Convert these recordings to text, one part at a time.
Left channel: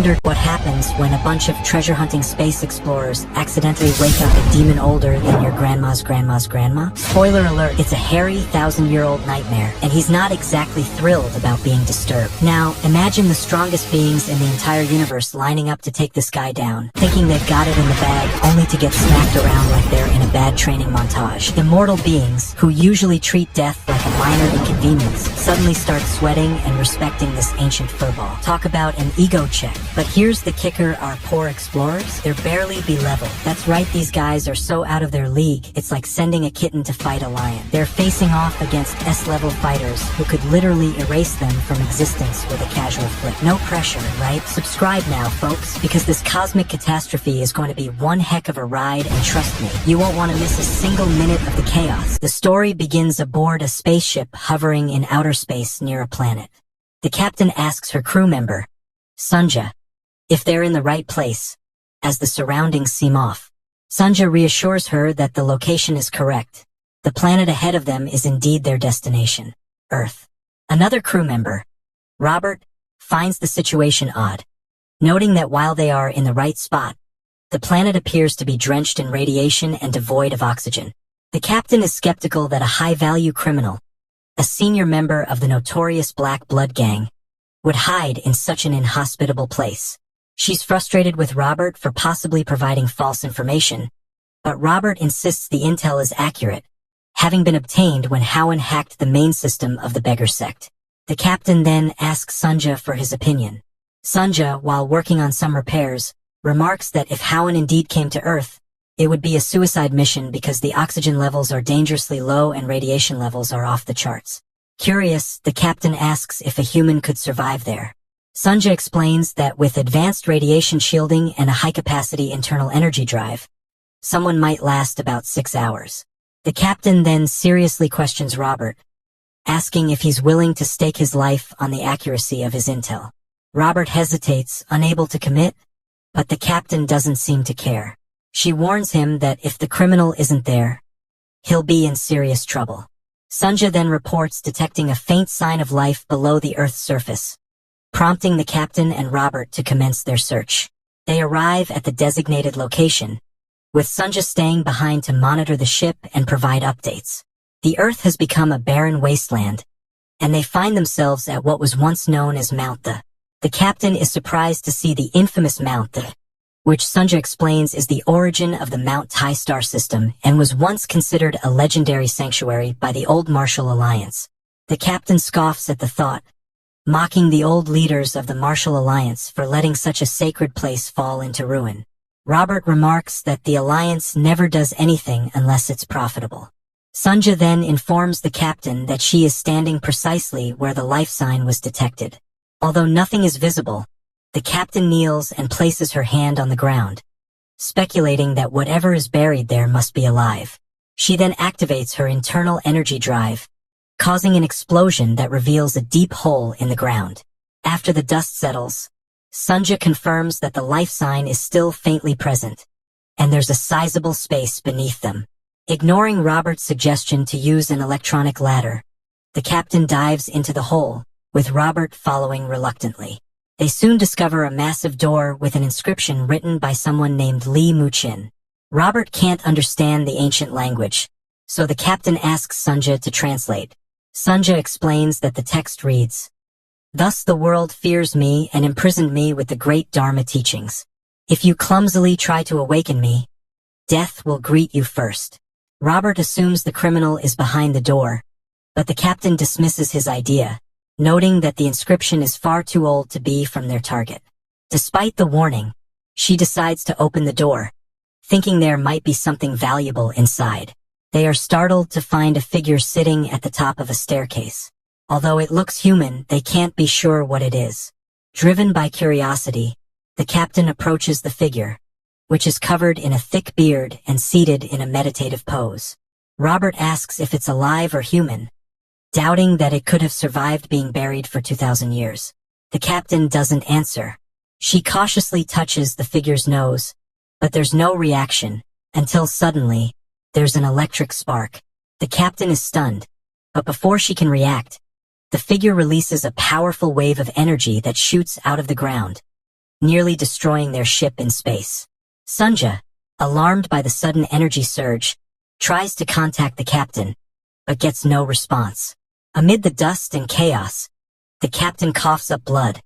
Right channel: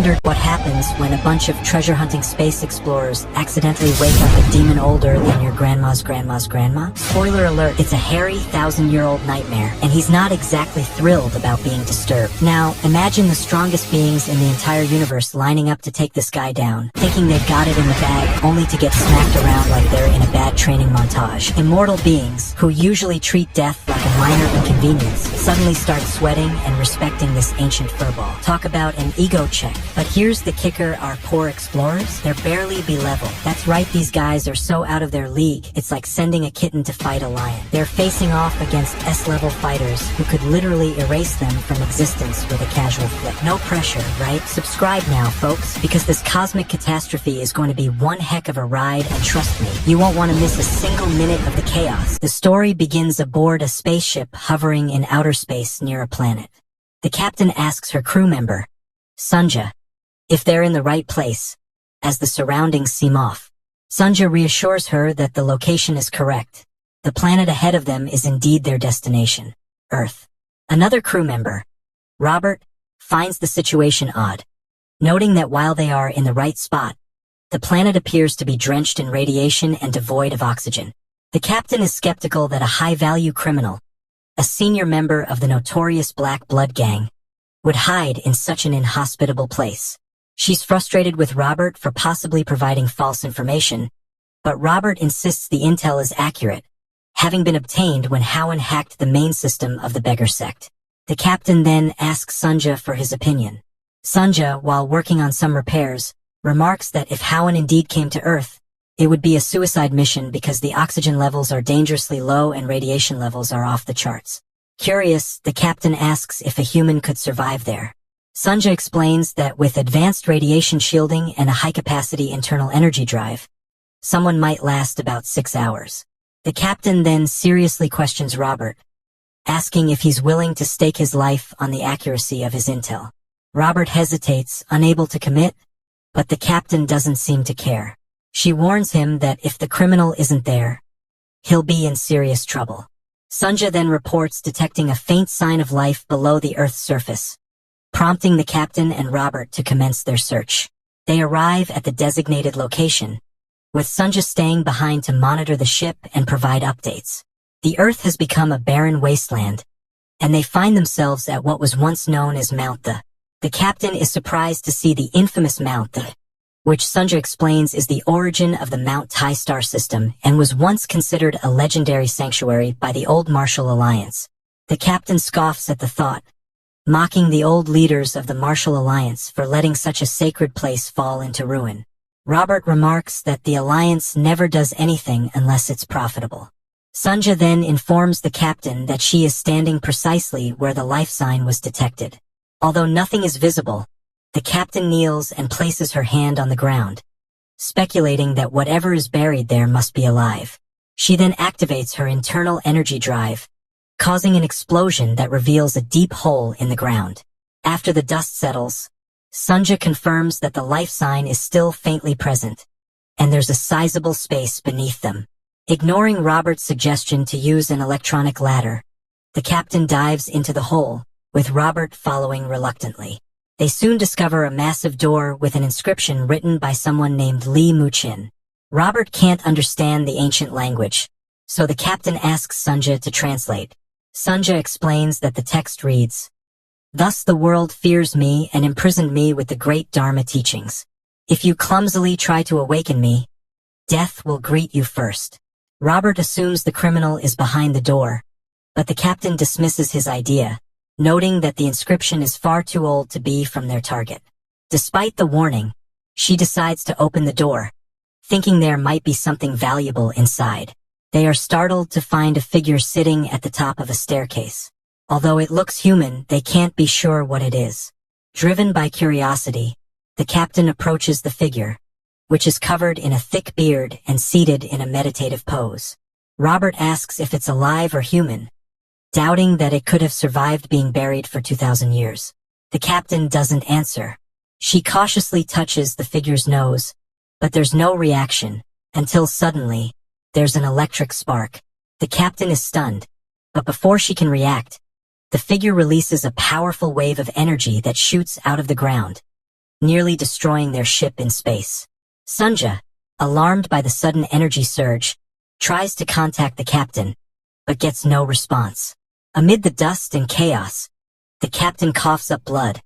Wondered what happens when a bunch of treasure-hunting space explorers accidentally wake up a demon older than your grandma's grandma? Spoiler alert, it's a hairy, 1,000-year-old nightmare, and he's not exactly thrilled about being disturbed. Now, imagine the strongest beings in the entire universe lining up to take this guy down, thinking they've got it in the bag, only to get smacked around like they're in a bad training montage. Immortal beings, who usually treat death like a minor inconvenience, suddenly start sweating and respecting this ancient furball. Talk about an ego check. But here's the kicker, our poor explorers, they're barely B-level. That's right, these guys are so out of their league, it's like sending a kitten to fight a lion. They're facing off against S-level fighters who could literally erase them from existence with a casual flick. No pressure, right? Subscribe now, folks, because this cosmic catastrophe is going to be one heck of a ride, and trust me, you won't want to miss a single minute of the chaos. The story begins aboard a spaceship hovering in outer space near a planet. The captain asks her crew member, Sunja, if they're in the right place, as the surroundings seem off. Sunja reassures her that the location is correct. The planet ahead of them is indeed their destination, Earth. Another crew member, Robert, finds the situation odd, noting that while they are in the right spot, the planet appears to be drenched in radiation and devoid of oxygen. The captain is skeptical that a high-value criminal, a senior member of the notorious Black Blood Gang, would hide in such an inhospitable place. She's frustrated with Robert for possibly providing false information, but Robert insists the intel is accurate, having been obtained when Howen hacked the main system of the beggar sect. The captain then asks Sunja for his opinion. Sunja, while working on some repairs, remarks that if Howen indeed came to Earth, it would be a suicide mission because the oxygen levels are dangerously low and radiation levels are off the charts. Curious, the captain asks if a human could survive there. Sunja explains that with advanced radiation shielding and a high-capacity internal energy drive, someone might last about 6 hours. The captain then seriously questions Robert, asking if he's willing to stake his life on the accuracy of his intel. Robert hesitates, unable to commit, but the captain doesn't seem to care. She warns him that if the criminal isn't there, he'll be in serious trouble. Sunja then reports detecting a faint sign of life below the Earth's surface, prompting the captain and Robert to commence their search. They arrive at the designated location, with Sunja staying behind to monitor the ship and provide updates. The Earth has become a barren wasteland, and they find themselves at what was once known as Mount The. The captain is surprised to see the infamous Mount The, which Sunja explains is the origin of the Mount Tai star system and was once considered a legendary sanctuary by the old Martial Alliance. The captain scoffs at the thought, mocking the old leaders of the Martial Alliance for letting such a sacred place fall into ruin. Robert remarks that the Alliance never does anything unless it's profitable. Sunja then informs the captain that she is standing precisely where the life sign was detected. Although nothing is visible, the captain kneels and places her hand on the ground, speculating that whatever is buried there must be alive. She then activates her internal energy drive, causing an explosion that reveals a deep hole in the ground. After the dust settles, Sunja confirms that the life sign is still faintly present, and there's a sizable space beneath them. Ignoring Robert's suggestion to use an electronic ladder, the captain dives into the hole, with Robert following reluctantly. They soon discover a massive door with an inscription written by someone named Li Muqin. Robert can't understand the ancient language, so the captain asks Sunja to translate. Sunja explains that the text reads, "Thus the world fears me and imprisoned me with the great Dharma teachings. If you clumsily try to awaken me, death will greet you first." Robert assumes the criminal is behind the door, but the captain dismisses his idea, noting that the inscription is far too old to be from their target. Despite the warning, she decides to open the door, thinking there might be something valuable inside. They are startled to find a figure sitting at the top of a staircase. Although it looks human, they can't be sure what it is. Driven by curiosity, the captain approaches the figure, which is covered in a thick beard and seated in a meditative pose. Robert asks if it's alive or human, doubting that it could have survived being buried for 2,000 years. The captain doesn't answer. She cautiously touches the figure's nose, but there's no reaction, until suddenly, there's an electric spark. The captain is stunned, but before she can react, the figure releases a powerful wave of energy that shoots out of the ground, nearly destroying their ship in space. Sunja, alarmed by the sudden energy surge, tries to contact the captain, but gets no response. Amid the dust and chaos, the captain coughs up blood,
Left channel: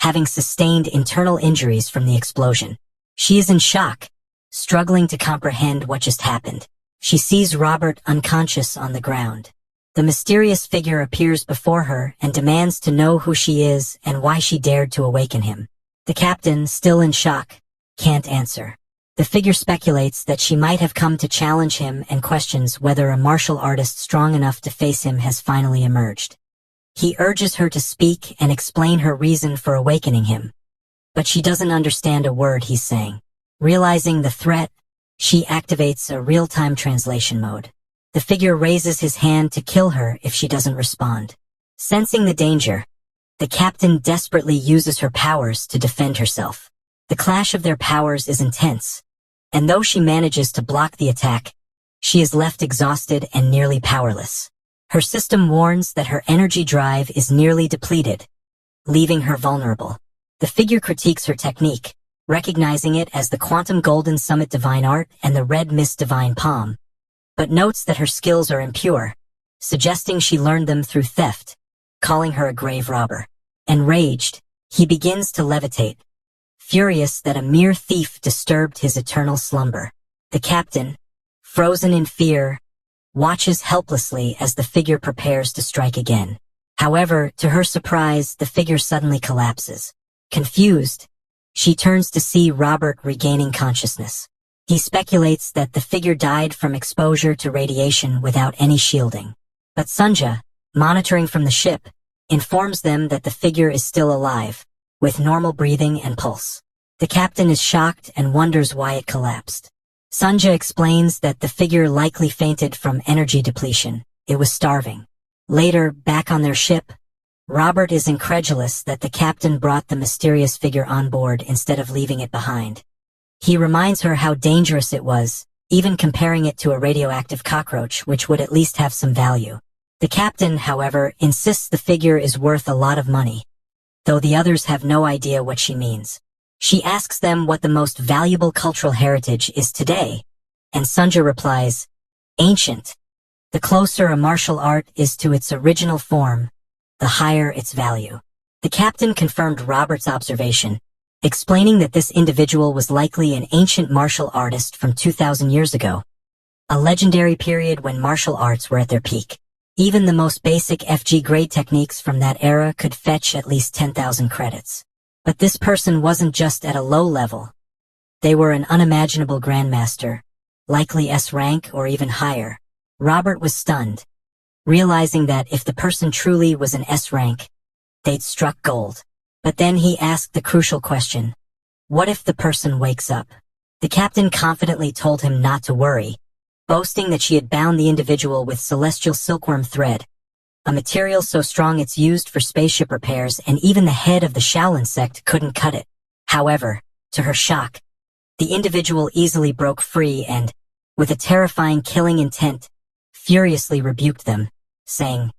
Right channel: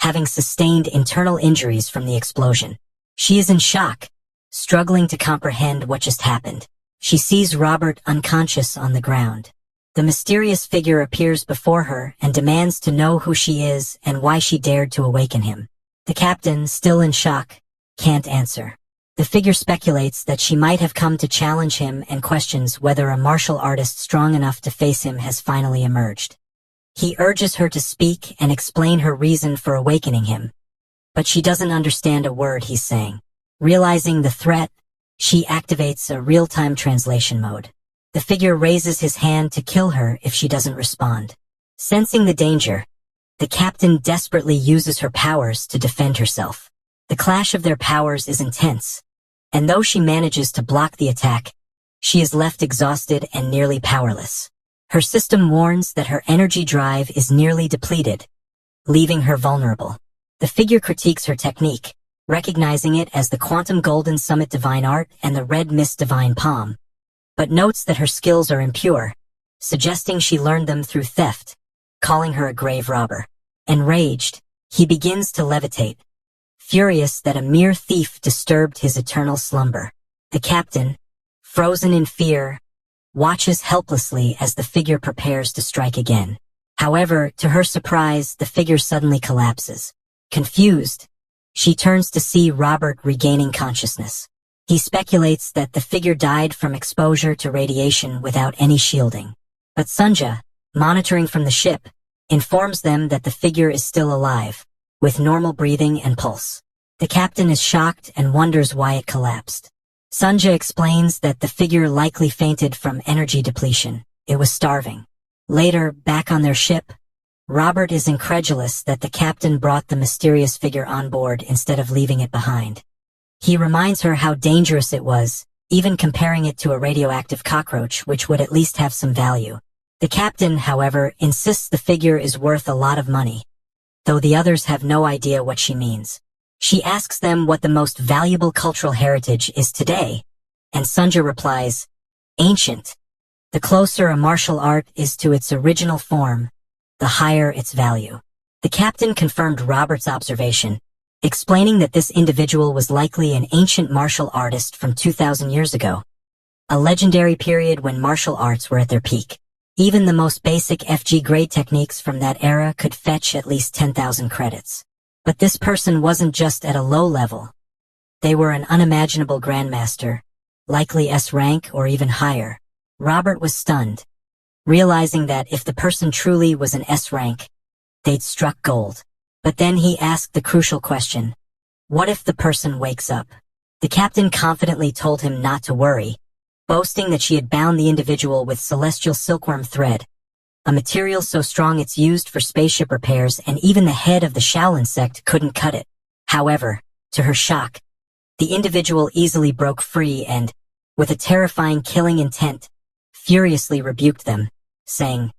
having sustained internal injuries from the explosion. She is in shock, struggling to comprehend what just happened. She sees Robert unconscious on the ground. The mysterious figure appears before her and demands to know who she is and why she dared to awaken him. The captain, still in shock, can't answer. The figure speculates that she might have come to challenge him and questions whether a martial artist strong enough to face him has finally emerged. He urges her to speak and explain her reason for awakening him, but she doesn't understand a word he's saying. Realizing the threat, she activates a real-time translation mode. The figure raises his hand to kill her if she doesn't respond. Sensing the danger, the captain desperately uses her powers to defend herself. The clash of their powers is intense, and though she manages to block the attack, she is left exhausted and nearly powerless. Her system warns that her energy drive is nearly depleted, leaving her vulnerable. The figure critiques her technique, recognizing it as the Quantum Golden Summit Divine Art and the Red Mist Divine Palm, but notes that her skills are impure, suggesting she learned them through theft, calling her a grave robber. Enraged, he begins to levitate, furious that a mere thief disturbed his eternal slumber. The captain, frozen in fear, watches helplessly as the figure prepares to strike again. However, to her surprise, the figure suddenly collapses. Confused, she turns to see Robert regaining consciousness. He speculates that the figure died from exposure to radiation without any shielding. But Sunja, monitoring from the ship, informs them that the figure is still alive, with normal breathing and pulse. The captain is shocked and wonders why it collapsed. Sunja explains that the figure likely fainted from energy depletion. It was starving. Later, back on their ship, Robert is incredulous that the captain brought the mysterious figure on board instead of leaving it behind. He reminds her how dangerous it was, even comparing it to a radioactive cockroach, which would at least have some value. The captain, however, insists the figure is worth a lot of money, though the others have no idea what she means. She asks them what the most valuable cultural heritage is today, and Sunja replies, ancient. The closer a martial art is to its original form, the higher its value. The captain confirmed Robert's observation, explaining that this individual was likely an ancient martial artist from 2,000 years ago, a legendary period when martial arts were at their peak. Even the most basic FG grade techniques from that era could fetch at least 10,000 credits. But this person wasn't just at a low level. They were an unimaginable grandmaster, likely S rank or even higher. Robert was stunned, realizing that if the person truly was an S rank, they'd struck gold. But then he asked the crucial question, what if the person wakes up? The captain confidently told him not to worry, boasting that she had bound the individual with celestial silkworm thread, a material so strong it's used for spaceship repairs, and even the head of the Shaolin sect couldn't cut it. However, to her shock, the individual easily broke free and, with a terrifying killing intent, furiously rebuked them, saying,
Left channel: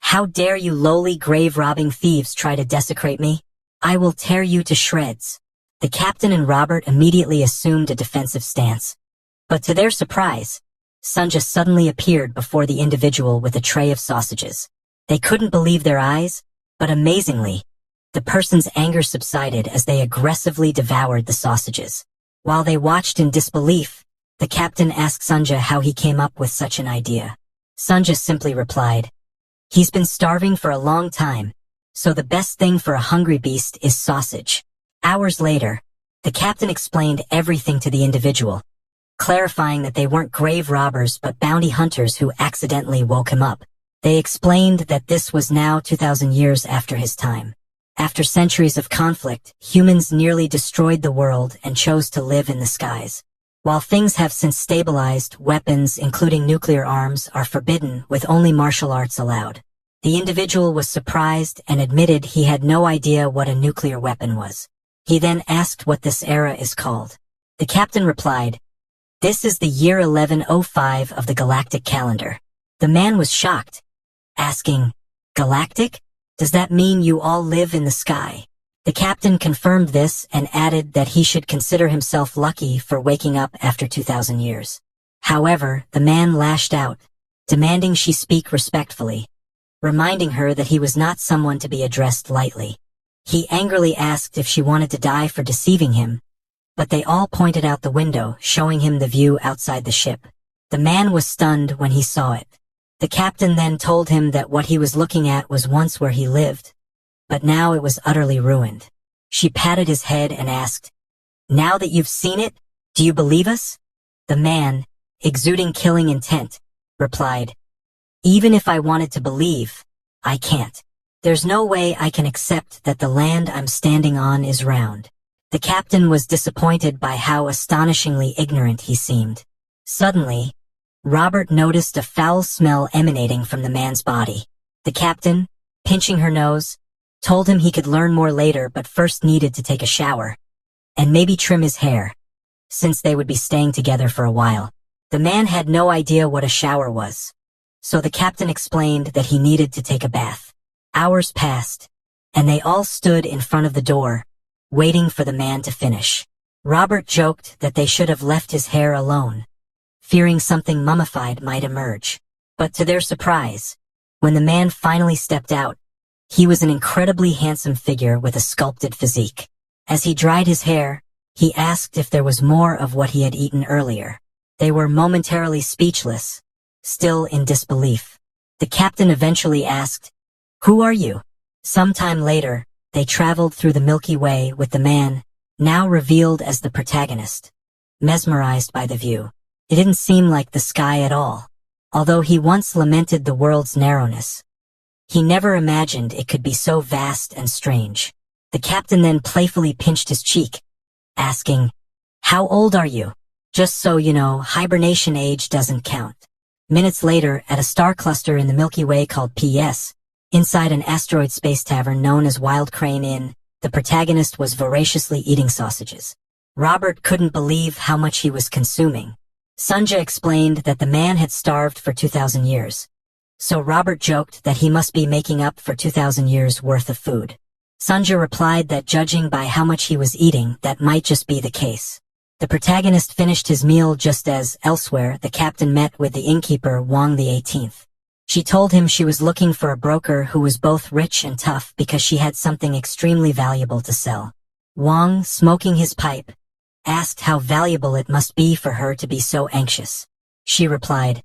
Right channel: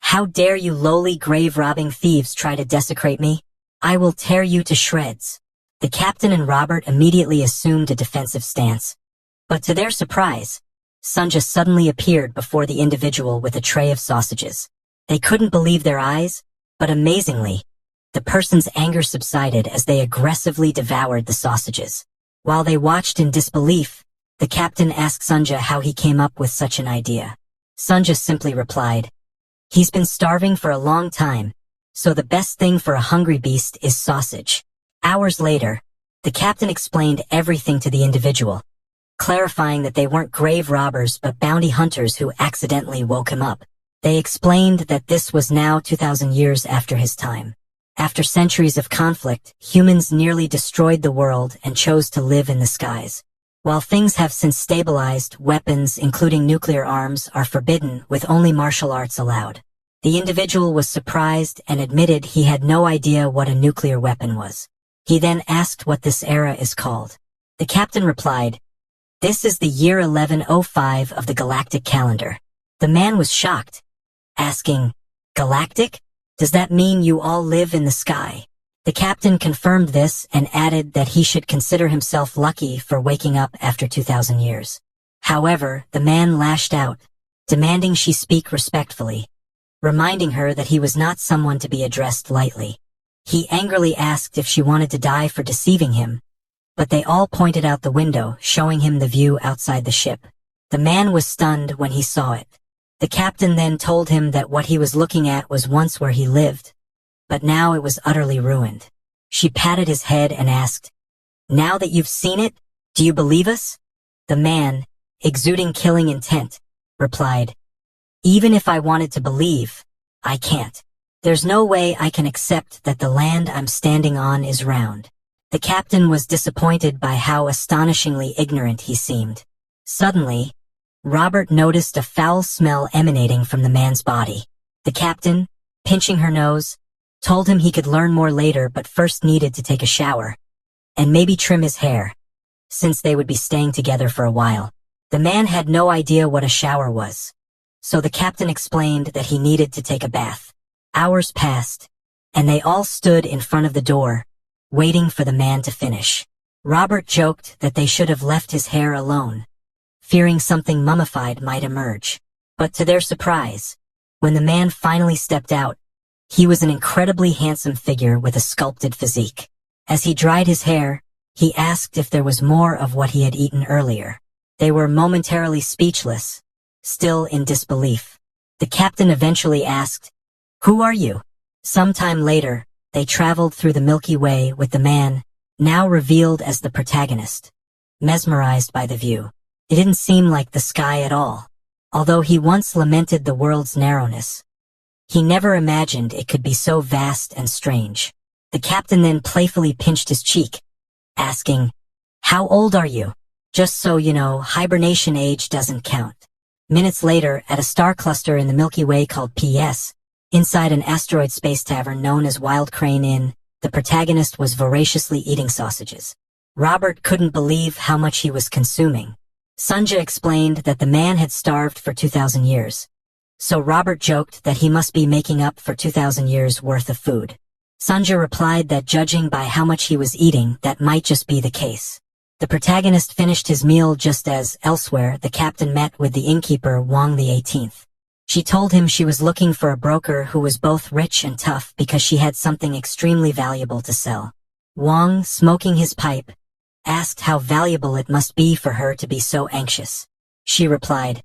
"How dare you lowly grave-robbing thieves try to desecrate me? I will tear you to shreds." The captain and Robert immediately assumed a defensive stance, but to their surprise, Sunja suddenly appeared before the individual with a tray of sausages. They couldn't believe their eyes, but amazingly, the person's anger subsided as they aggressively devoured the sausages. While they watched in disbelief, the captain asked Sunja how he came up with such an idea. Sunja simply replied, "He's been starving for a long time, so the best thing for a hungry beast is sausage." Hours later, the captain explained everything to the individual, clarifying that they weren't grave robbers but bounty hunters who accidentally woke him up. They explained that this was now 2,000 years after his time. After centuries of conflict, humans nearly destroyed the world and chose to live in the skies. While things have since stabilized, weapons, including nuclear arms, are forbidden, with only martial arts allowed. The individual was surprised and admitted he had no idea what a nuclear weapon was. He then asked what this era is called. The captain replied, "This is the year 1105 of the galactic calendar." The man was shocked, asking, "Galactic? Does that mean you all live in the sky?" The captain confirmed this and added that he should consider himself lucky for waking up after 2,000 years. However, the man lashed out, demanding she speak respectfully, reminding her that he was not someone to be addressed lightly. He angrily asked if she wanted to die for deceiving him, but they all pointed out the window, showing him the view outside the ship. The man was stunned when he saw it. The captain then told him that what he was looking at was once where he lived, but now it was utterly ruined. She patted his head and asked, "Now that you've seen it, do you believe us?" The man, exuding killing intent, replied, "Even if I wanted to believe, I can't. There's no way I can accept that the land I'm standing on is round." The captain was disappointed by how astonishingly ignorant he seemed. Suddenly, Robert noticed a foul smell emanating from the man's body. The captain, pinching her nose, told him he could learn more later but first needed to take a shower, and maybe trim his hair, since they would be staying together for a while. The man had no idea what a shower was, so the captain explained that he needed to take a bath. Hours passed, and they all stood in front of the door, waiting for the man to finish. Robert joked that they should have left his hair alone, fearing something mummified might emerge. But to their surprise, when the man finally stepped out, he was an incredibly handsome figure with a sculpted physique. As he dried his hair, he asked if there was more of what he had eaten earlier. They were momentarily speechless, still in disbelief. The captain eventually asked, "Who are you?" Sometime later, they traveled through the Milky Way with the man, now revealed as the protagonist, mesmerized by the view. It didn't seem like the sky at all. Although he once lamented the world's narrowness, he never imagined it could be so vast and strange. The captain then playfully pinched his cheek, asking, "How old are you? Just so you know, hibernation age doesn't count." Minutes later, at a star cluster in the Milky Way called PS, inside an asteroid space tavern known as Wild Crane Inn, the protagonist was voraciously eating sausages. Robert couldn't believe how much he was consuming. Sunja explained that the man had starved for 2,000 years, so Robert joked that he must be making up for 2,000 years worth of food. Sunja replied that judging by how much he was eating, that might just be the case. The protagonist finished his meal just as, elsewhere, the captain met with the innkeeper Wang the 18th. She told him she was looking for a broker who was both rich and tough because she had something extremely valuable to sell. Wang, smoking his pipe, asked how valuable it must be for her to be so anxious. She replied,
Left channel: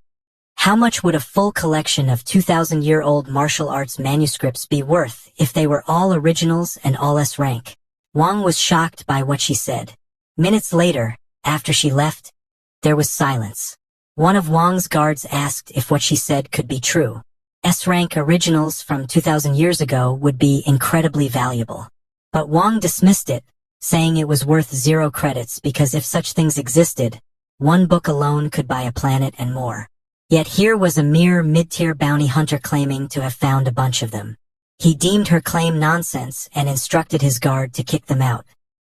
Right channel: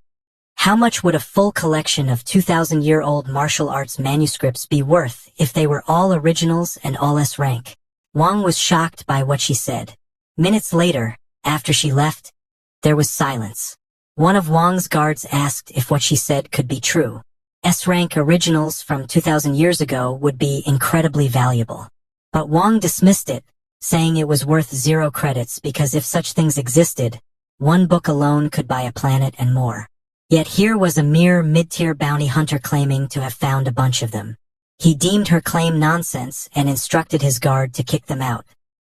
"How much would a full collection of 2,000-year-old martial arts manuscripts be worth if they were all originals and all S rank?" Wang was shocked by what she said. Minutes later, after she left, there was silence. One of Wang's guards asked if what she said could be true. S-rank originals from 2,000 years ago would be incredibly valuable. But Wang dismissed it, saying it was worth 0 credits because if such things existed, one book alone could buy a planet and more. Yet here was a mere mid-tier bounty hunter claiming to have found a bunch of them. He deemed her claim nonsense and instructed his guard to kick them out.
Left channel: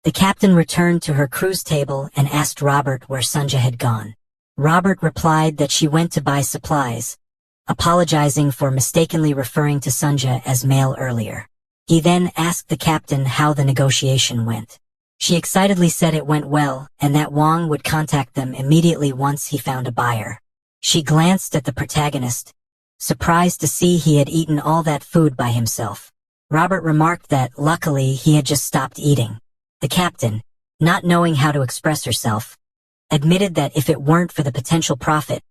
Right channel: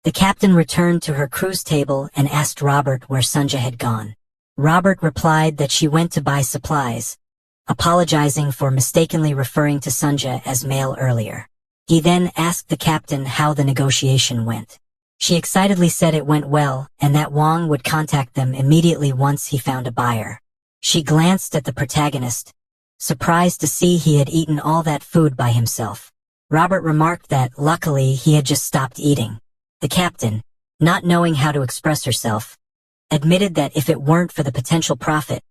The captain returned to her cruise table and asked Robert where Sunja had gone. Robert replied that she went to buy supplies, apologizing for mistakenly referring to Sunja as male earlier. He then asked the captain how the negotiation went. She excitedly said it went well and that Wang would contact them immediately once he found a buyer. She glanced at the protagonist, surprised to see he had eaten all that food by himself. Robert remarked that, luckily, he had just stopped eating. The captain, not knowing how to express herself, admitted that if it weren't for the potential profit,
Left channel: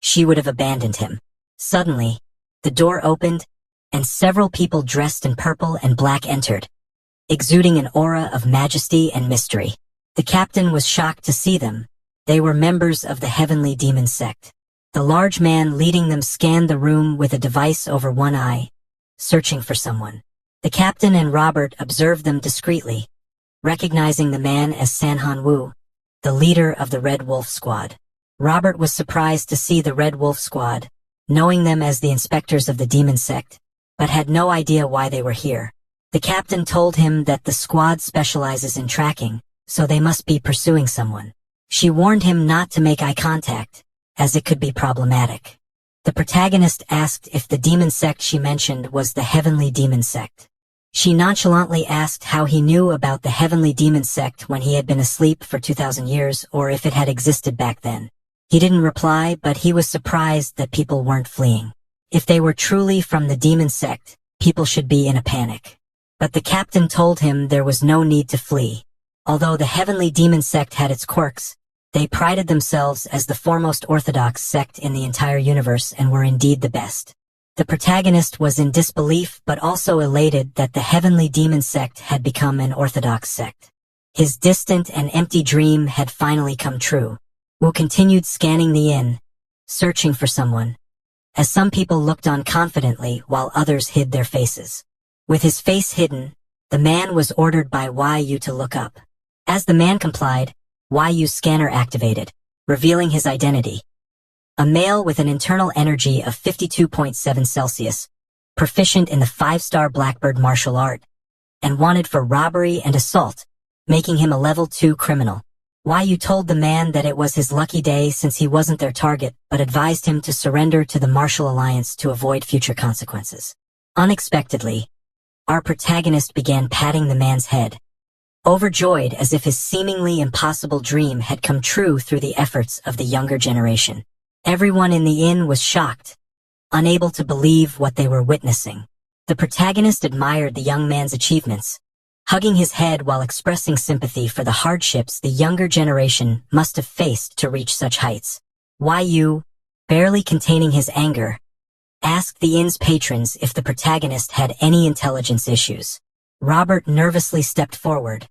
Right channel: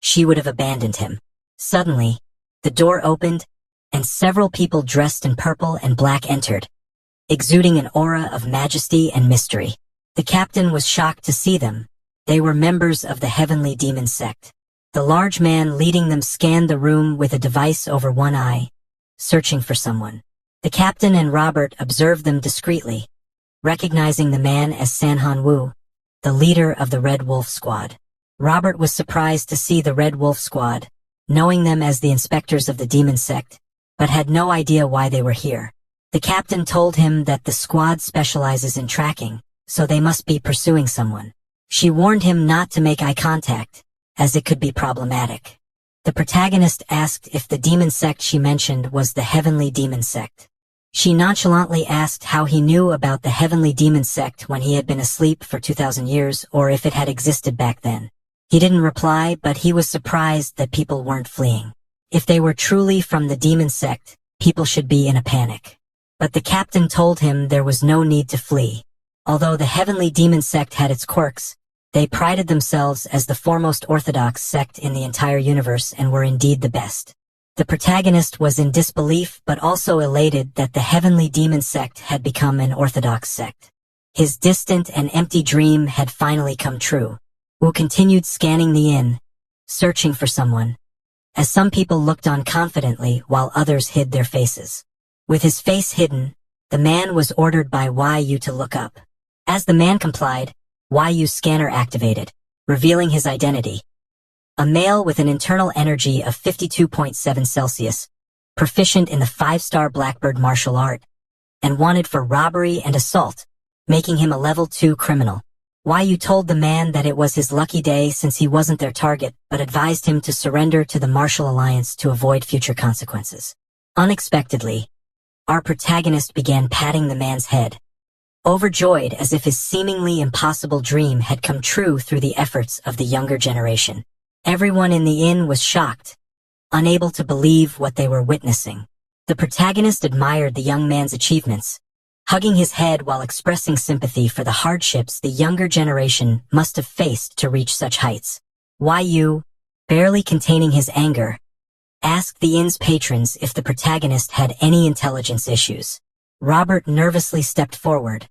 she would have abandoned him. Suddenly, the door opened, and several people dressed in purple and black entered, exuding an aura of majesty and mystery. The captain was shocked to see them. They were members of the heavenly demon sect. The large man leading them scanned the room with a device over one eye, searching for someone. The captain and Robert observed them discreetly, recognizing the man as Sanhan Wu, the leader of the Red Wolf Squad. Robert was surprised to see the Red Wolf Squad, knowing them as the inspectors of the demon sect, but had no idea why they were here. The captain told him that the squad specializes in tracking, so they must be pursuing someone. She warned him not to make eye contact, as it could be problematic. The protagonist asked if the demon sect she mentioned was the heavenly demon sect. She nonchalantly asked how he knew about the heavenly demon sect when he had been asleep for 2,000 years, or if it had existed back then. He didn't reply, but he was surprised that people weren't fleeing. If they were truly from the demon sect, people should be in a panic. But the captain told him there was no need to flee. Although the heavenly demon sect had its quirks, they prided themselves as the foremost orthodox sect in the entire universe and were indeed the best. The protagonist was in disbelief but also elated that the heavenly demon sect had become an orthodox sect. His distant and empty dream had finally come true. Wu continued scanning the inn, searching for someone, as some people looked on confidently while others hid their faces. With his face hidden, the man was ordered by Yu to look up. As the man complied, Yu's scanner activated, revealing his identity. A male with an internal energy of 52.7 Celsius, proficient in the 5-star Blackbird martial art, and wanted for robbery and assault, making him a level 2 criminal. Yu told the man that it was his lucky day since he wasn't their target, but advised him to surrender to the Martial Alliance to avoid future consequences. Unexpectedly, our protagonist began patting the man's head, overjoyed as if his seemingly impossible dream had come true through the efforts of the younger generation. Everyone in the inn was shocked, unable to believe what they were witnessing. The protagonist admired the young man's achievements, hugging his head while expressing sympathy for the hardships the younger generation must have faced to reach such heights. Yu, barely containing his anger, asked the inn's patrons if the protagonist had any intelligence issues. Robert nervously stepped forward,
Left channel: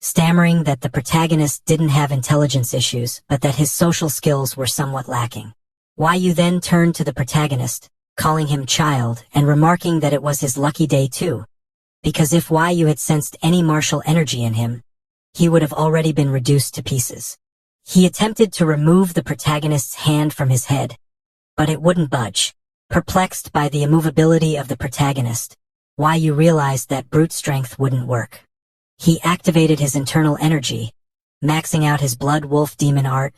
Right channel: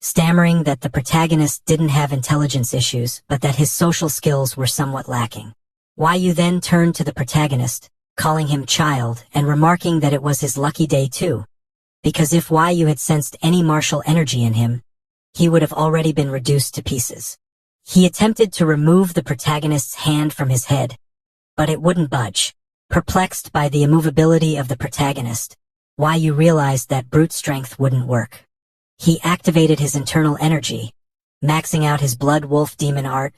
stammering that the protagonist didn't have intelligence issues, but that his social skills were somewhat lacking. Yu then turned to the protagonist, calling him child and remarking that it was his lucky day too, because if Yu had sensed any martial energy in him, he would have already been reduced to pieces. He attempted to remove the protagonist's hand from his head, but it wouldn't budge. Perplexed by the immovability of the protagonist, Yu realized that brute strength wouldn't work. He activated his internal energy, maxing out his blood wolf demon art,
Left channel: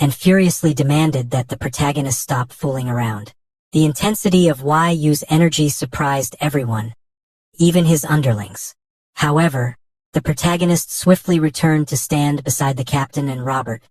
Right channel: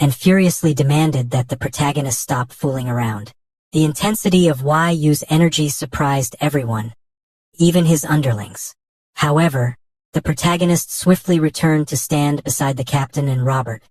and furiously demanded that the protagonist stop fooling around. The intensity of Yu's energy surprised everyone, even his underlings. However, the protagonist swiftly returned to stand beside the captain and Robert,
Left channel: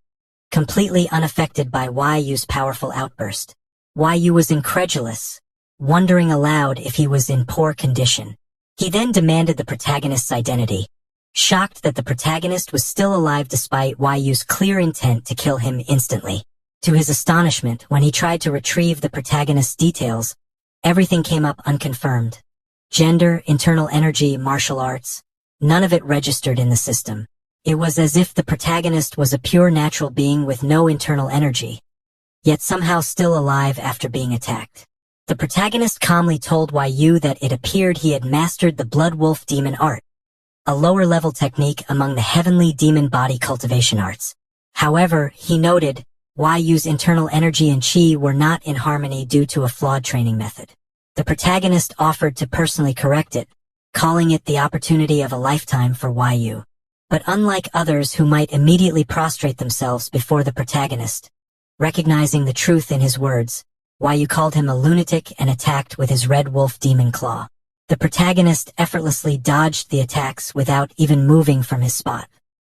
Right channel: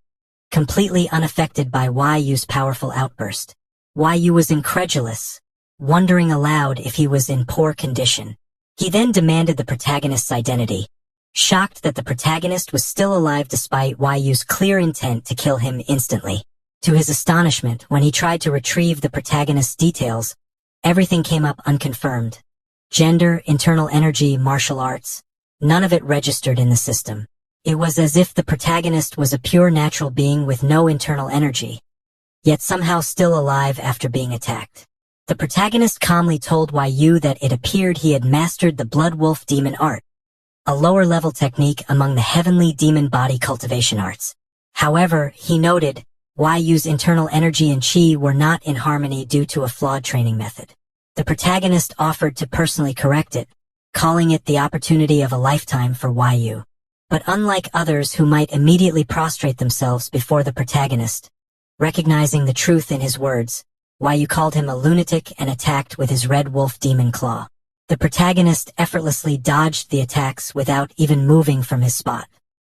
completely unaffected by Yu's powerful outburst. Yu was incredulous, wondering aloud if he was in poor condition. He then demanded the protagonist's identity, shocked that the protagonist was still alive despite Yu's clear intent to kill him instantly. To his astonishment, when he tried to retrieve the protagonist's details, everything came up unconfirmed. Gender, internal energy, martial arts, none of it registered in the system. It was as if the protagonist was a pure natural being with no internal energy, yet somehow still alive after being attacked. The protagonist calmly told Yu that it appeared he had mastered the Blood Wolf demon art, a lower-level technique among the heavenly demon body cultivation arts. However, he noted, Yu's internal energy and chi were not in harmony due to a flawed training method. The protagonist offered to personally correct it, calling it the opportunity of a lifetime for Yu. But unlike others who might immediately prostrate themselves before the protagonist, recognizing the truth in his words, Yu called him a lunatic and attacked with his red wolf demon claw. The protagonist effortlessly dodged the attacks without even moving from his spot.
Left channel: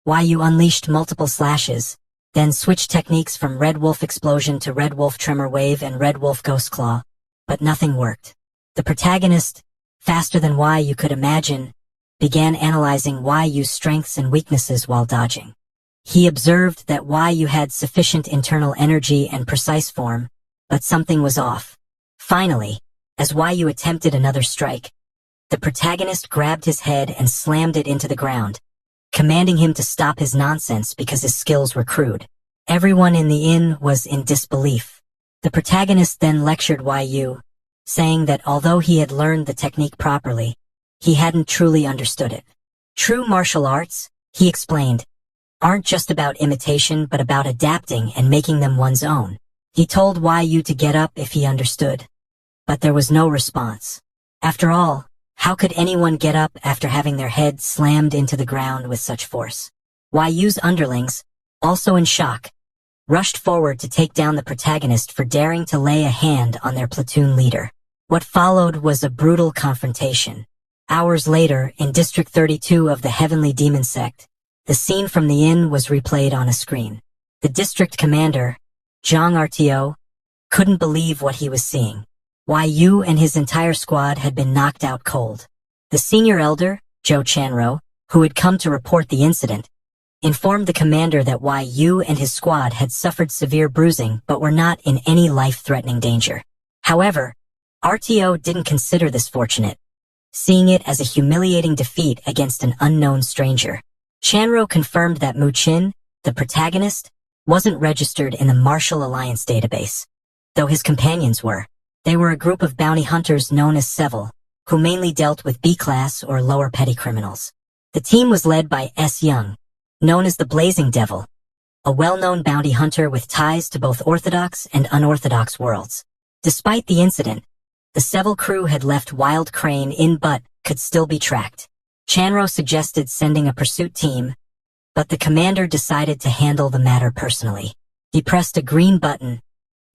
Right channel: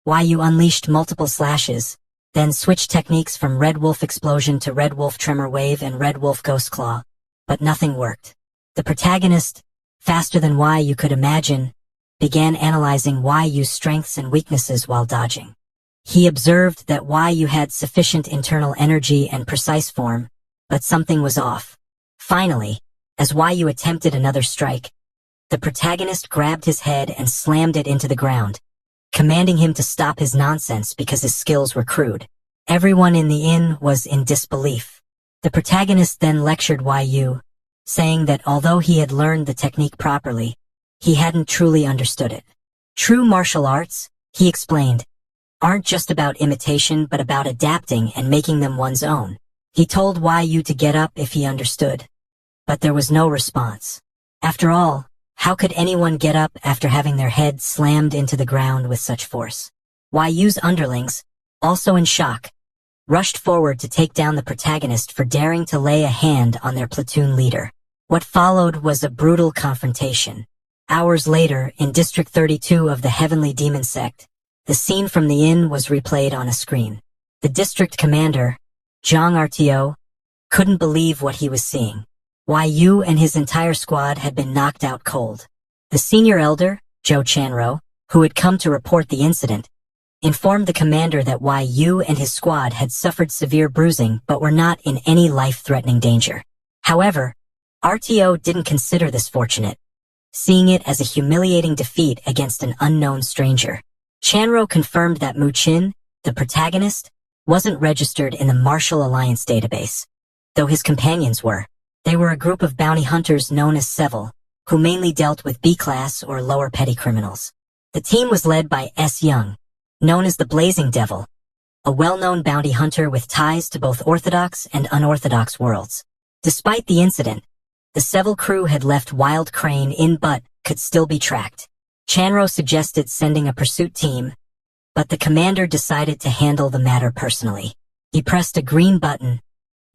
Yu unleashed multiple slashes, then switched techniques from Red Wolf Explosion to Red Wolf Tremor Wave and Red Wolf Ghost Claw, but nothing worked. The protagonist, faster than Yu could imagine, began analyzing Yu's strengths and weaknesses while dodging. He observed that Yu had sufficient internal energy and precise form, but something was off. Finally, as Yu attempted another strike, the protagonist grabbed his head and slammed it into the ground, commanding him to stop his nonsense because his skills were crude. Everyone in the inn was in disbelief. The protagonist then lectured Yu, saying that although he had learned the technique properly, he hadn't truly understood it. True martial arts, he explained, aren't just about imitation but about adapting and making them one's own. He told Yu to get up if he understood, but there was no response. After all, how could anyone get up after having their head slammed into the ground with such force? Yu's underlings, also in shock, rushed forward to take down the protagonist for daring to lay a hand on their platoon leader. What followed was a brutal confrontation. Hours later, in District 32 of the Heavenly Demon Sect, the scene from the inn was replayed on a screen. The district commander, Zhang RTO, couldn't believe what he was seeing. Yu and his entire squad had been knocked out cold. The senior elder, Zhou Chanro, who had come to report the incident, informed the commander that Yu and his squad had suffered severe bruising but were not in any life-threatening danger. However, RTO didn't consider this fortunate, seeing it as a humiliating defeat against an unknown stranger. Chanro confirmed that Mu Qin, the protagonist, wasn't registered in the Martial Alliance database, though his companions were. They were a group of bounty hunters known as Seville, who mainly dealt with B-class or lower petty criminals. The team was led by S. Young, known as the Blazing Devil, a well-known bounty hunter with ties to both orthodox and unorthodox worlds. Despite the incident, the Seville crew had left Wild Crane in but could still be tracked. Chanro suggested sending a pursuit team, but the commander decided to handle the matter personally. He pressed a green button,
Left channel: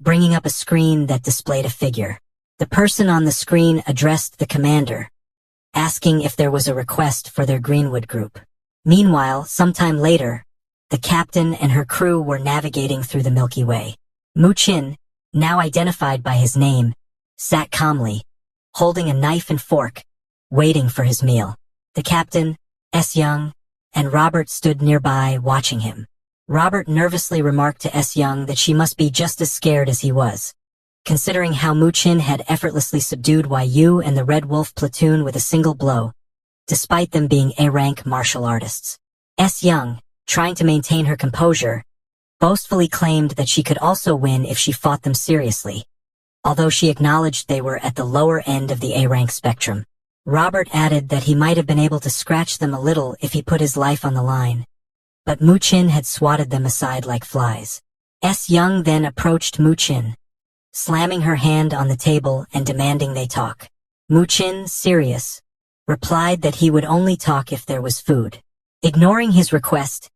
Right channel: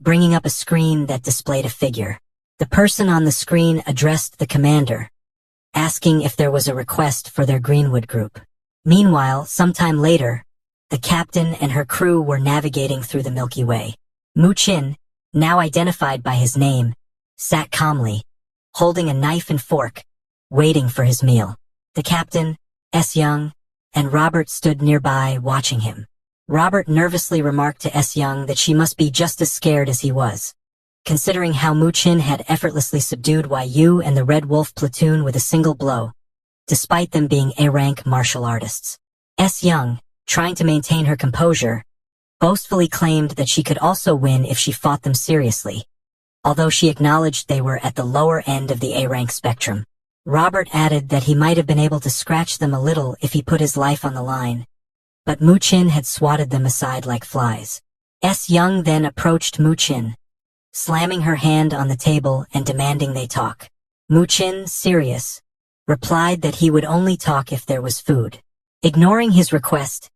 bringing up a screen that displayed a figure. The person on the screen addressed the commander, asking if there was a request for their Greenwood group. Meanwhile, sometime later, the captain and her crew were navigating through the Milky Way. Mu Qin, now identified by his name, sat calmly, holding a knife and fork, waiting for his meal. The captain, S. Young, and Robert stood nearby watching him. Robert nervously remarked to S. Young that she must be just as scared as he was, considering how Mu Qin had effortlessly subdued Yu and the Red Wolf platoon with a single blow, despite them being A-rank martial artists. S. Young, trying to maintain her composure, boastfully claimed that she could also win if she fought them seriously, although she acknowledged they were at the lower end of the A-rank spectrum. Robert added that he might have been able to scratch them a little if he put his life on the line, but Mu Qin had swatted them aside like flies. S. Young then approached Mu Qin, slamming her hand on the table and demanding they talk. Mu Qin, serious, replied that he would only talk if there was food. Ignoring his request,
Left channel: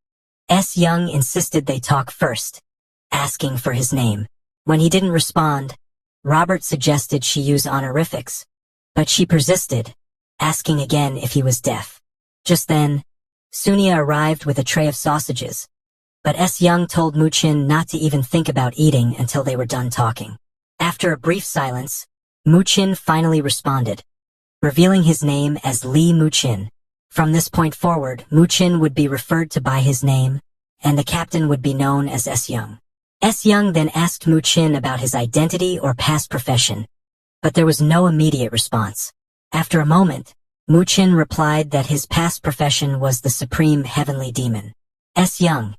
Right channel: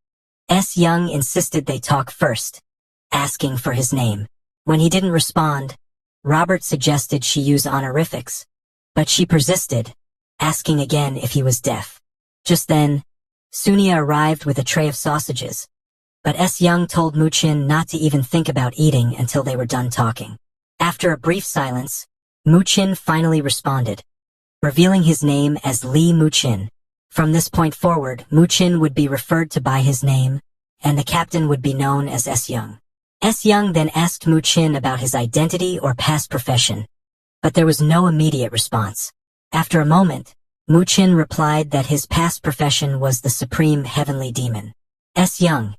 S. Young insisted they talk first, asking for his name. When he didn't respond, Robert suggested she use honorifics, but she persisted, asking again if he was deaf. Just then, Sunia arrived with a tray of sausages, but S. Young told Mu Qin not to even think about eating until they were done talking. After a brief silence, Mu Qin finally responded, revealing his name as Li Mu Qin. From this point forward, Mu Qin would be referred to by his name, and the captain would be known as S. Young. S. Young then asked Mu Qin about his identity or past profession, but there was no immediate response. After a moment, Mu Qin replied that his past profession was the Supreme Heavenly Demon. S. Young,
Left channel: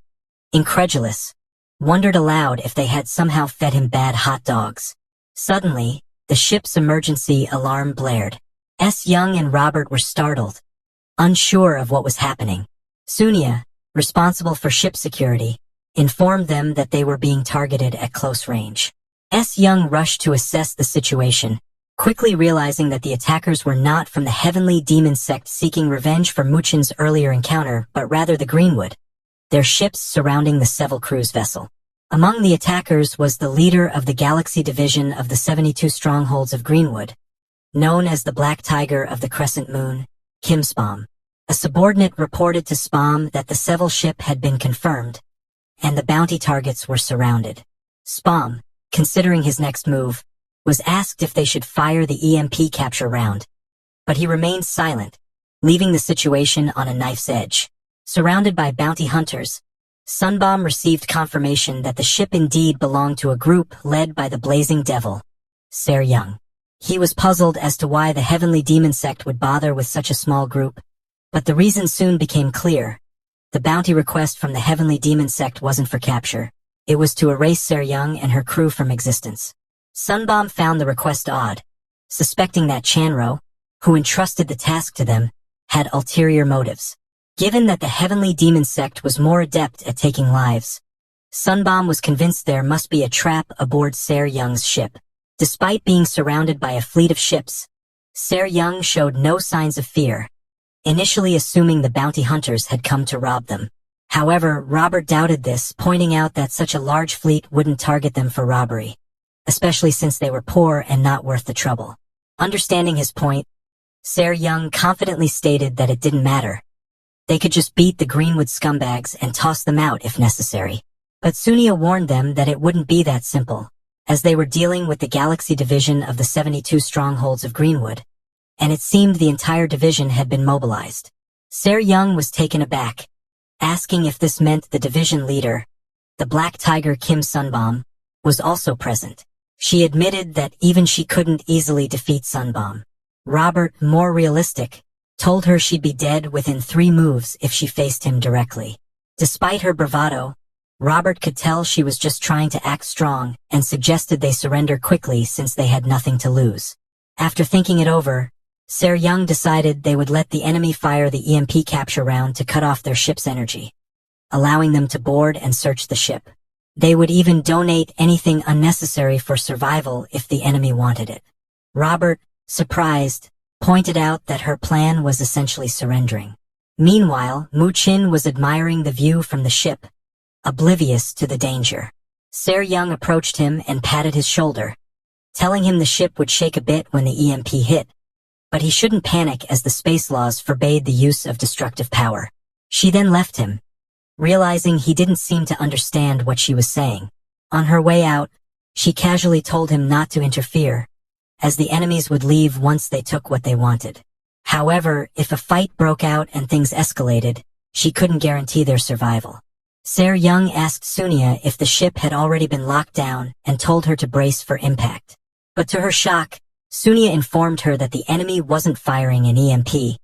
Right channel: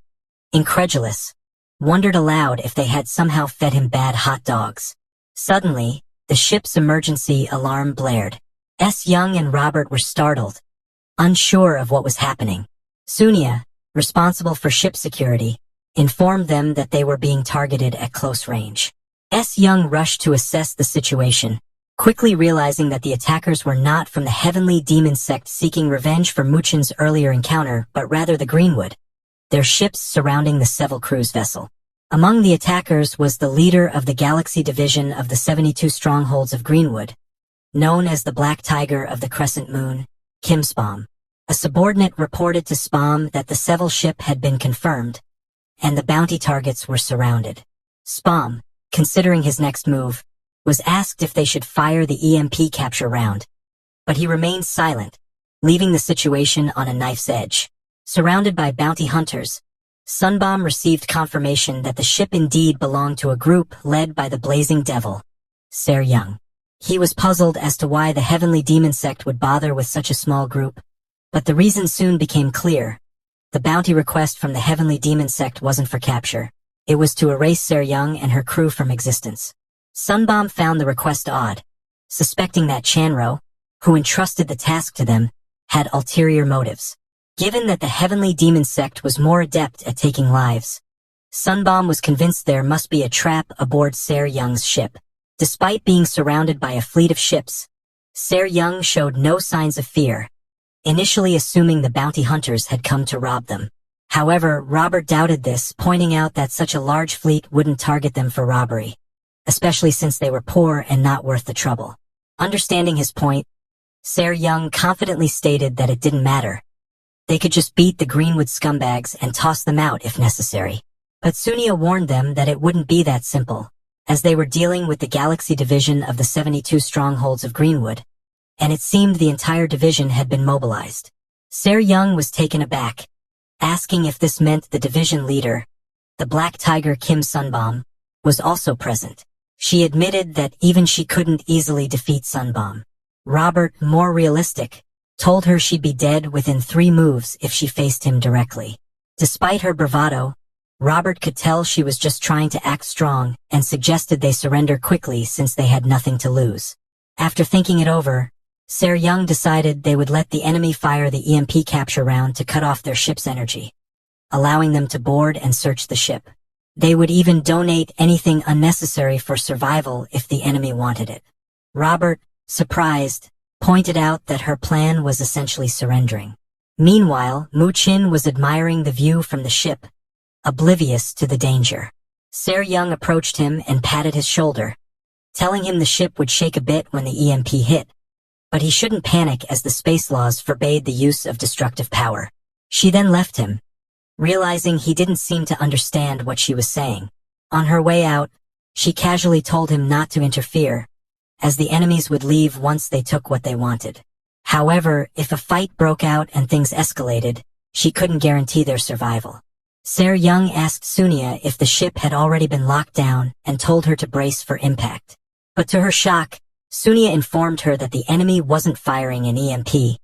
incredulous, wondered aloud if they had somehow fed him bad hot dogs. Suddenly, the ship's emergency alarm blared. S. Young and Robert were startled, unsure of what was happening. Sunia, responsible for ship security, informed them that they were being targeted at close range. S. Young rushed to assess the situation, quickly realizing that the attackers were not from the Heavenly Demon Sect seeking revenge for Mu Qin's earlier encounter, but rather the Greenwood, their ships surrounding the Seville cruise vessel. Among the attackers was the leader of the Galaxy Division of the 72 Strongholds of Greenwood, known as the Black Tiger of the Crescent Moon, Kim Spam. A subordinate reported to Spam that the Seville ship had been confirmed, and the bounty targets were surrounded. Spam, considering his next move, was asked if they should fire the EMP capture round, but he remained silent, leaving the situation on a knife's edge. Surrounded by bounty hunters, Sunbomb received confirmation that the ship indeed belonged to a group led by the Blazing Devil, Ser Young. He was puzzled as to why the Heavenly Demon Sect would bother with such a small group, but the reason soon became clear. The bounty request from the Heavenly Demon Sect wasn't for capture. It was to erase Ser Young and her crew from existence. Sunbomb found the request odd, suspecting that Chanro, who entrusted the task to them, had ulterior motives. Given that the Heavenly Demon Sect was more adept at taking lives, Sunbomb was convinced there must be a trap aboard Ser Young's ship. Despite being surrounded by a fleet of ships, Ser Young showed no signs of fear, initially assuming the bounty hunters had come to rob them. However, Robert doubted this, pointing out that such a large fleet wouldn't target them for robbery, especially since they were poor and not worth the trouble. Understanding his point, Ser Young confidently stated that it didn't matter. They could just beat the Greenwood scumbags and toss them out if necessary. But Sunia warned them that it wouldn't be that simple, as they were dealing with the Galaxy Division of the 72 strongholds of Greenwood, and it seemed the entire division had been mobilized. Ser Young was taken aback, asking if this meant the division leader, the Black Tiger Kim Sunbomb, was also present. She admitted that even she couldn't easily defeat Sunbomb. Robert, more realistic, told her she'd be dead within 3 moves if she faced him directly. Despite her bravado, Robert could tell she was just trying to act strong and suggested they surrender quickly since they had nothing to lose. After thinking it over, Ser Young decided they would let the enemy fire the EMP capture round to cut off their ship's energy, allowing them to board and search the ship. They would even donate anything unnecessary for survival if the enemy wanted it. Robert, surprised, pointed out that her plan was essentially surrendering. Meanwhile, Mu Chin was admiring the view from the ship, oblivious to the danger. Ser Young approached him and patted his shoulder, telling him the ship would shake a bit when the EMP hit, but he shouldn't panic as the space laws forbade the use of destructive power. She then left him, realizing he didn't seem to understand what she was saying. On her way out, she casually told him not to interfere, as the enemies would leave once they took what they wanted. However, if a fight broke out and things escalated, she couldn't guarantee their survival. Ser Young asked Sunia if the ship had already been locked down and told her to brace for impact. But to her shock, Sunia informed her that the enemy wasn't firing an EMP.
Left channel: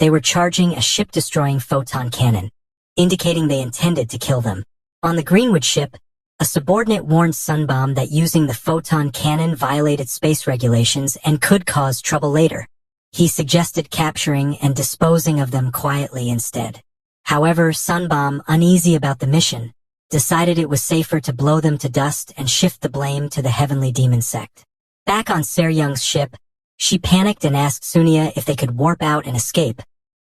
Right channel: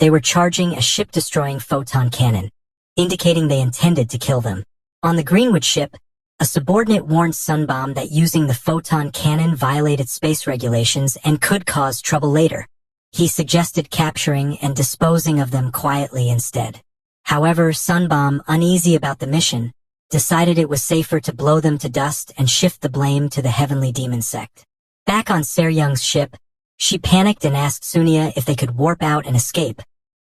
They were charging a ship-destroying photon cannon, indicating they intended to kill them. On the Greenwood ship, a subordinate warned Sunbomb that using the photon cannon violated space regulations and could cause trouble later. He suggested capturing and disposing of them quietly instead. However, Sunbomb, uneasy about the mission, decided it was safer to blow them to dust and shift the blame to the Heavenly Demon Sect. Back on Ser Young's ship, she panicked and asked Sunia if they could warp out and escape,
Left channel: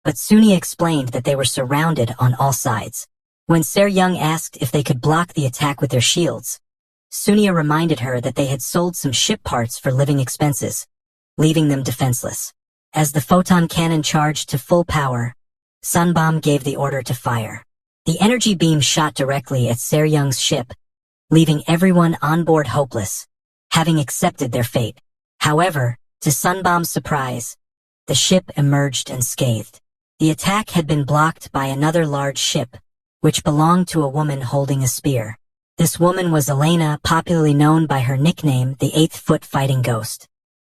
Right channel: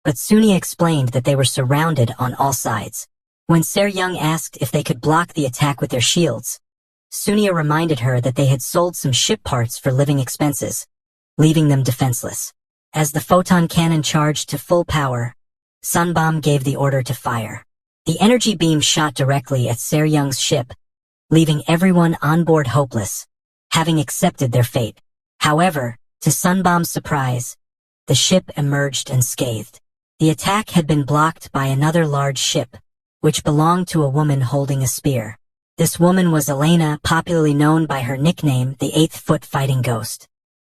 but Sunia explained that they were surrounded on all sides. When Ser Young asked if they could block the attack with their shields, Sunia reminded her that they had sold some ship parts for living expenses, leaving them defenseless. As the photon cannon charged to full power, Sunbomb gave the order to fire. The energy beam shot directly at Ser Young's ship, leaving everyone on board hopeless, having accepted their fate. However, to Sunbomb's surprise, the ship emerged unscathed. The attack had been blocked by another large ship, which belonged to a woman holding a spear. This woman was Elena, popularly known by her nickname, the 8th-foot fighting ghost.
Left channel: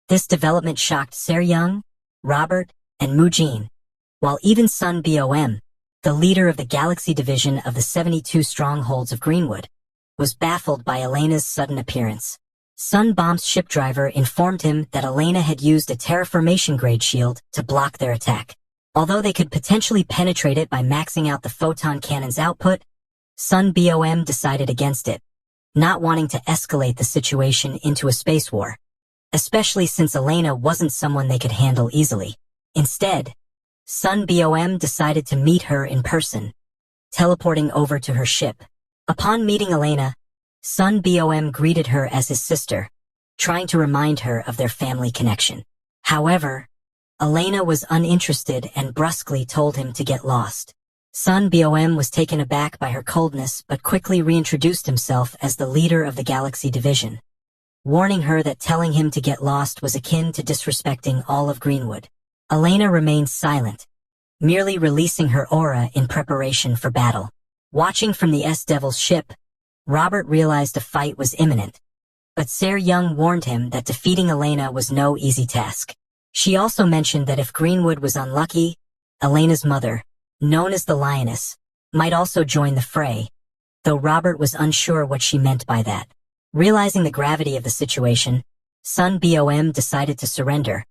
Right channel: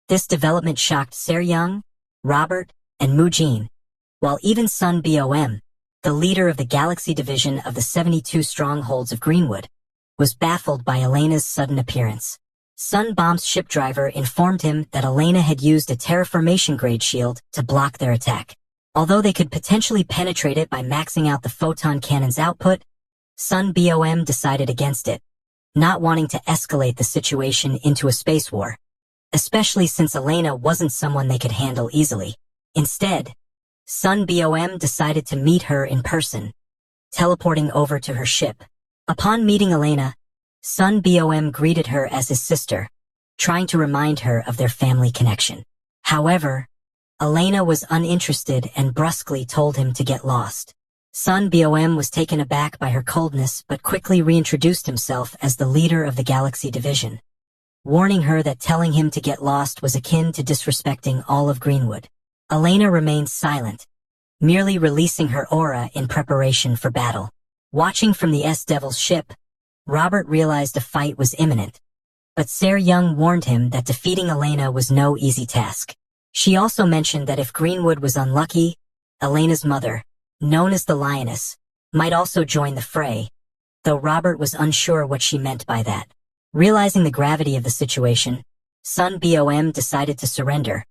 This development shocked Ser Young, Robert, and Mu Jin, while even Sun Bom, the leader of the Galaxy Division of the 72 strongholds of Greenwood, was baffled by Elena's sudden appearance. Sun Bomb's ship driver informed him that Elena had used a terraformation-grade shield to block their attack. Although they could potentially penetrate it by maxing out the photon cannon's output, Sun Bom decided against it, not wanting to escalate the situation into a space war, especially since Elena wasn't someone they could handle easily. Instead, Sun Bom decided to meet her in person, teleporting over to her ship. Upon meeting Elena, Sun Bom greeted her as his sister, trying to remind her of their family connection. However, Elena was uninterested and brusquely told him to get lost. Sun Bom was taken aback by her coldness but quickly reintroduced himself as the leader of the Galaxy Division, warning her that telling him to get lost was akin to disrespecting all of Greenwood. Elena remained silent, merely releasing her aura in preparation for battle. Watching from the S-Devil's ship, Robert realized a fight was imminent, but Ser Young warned him that defeating Elena was no easy task. She also mentioned that if Greenwood was unlucky, Elena's mother, known as the Lioness, might also join the fray, though Robert was unsure what she meant by that. Realizing the gravity of the situation, Sun Bom decided to surrender,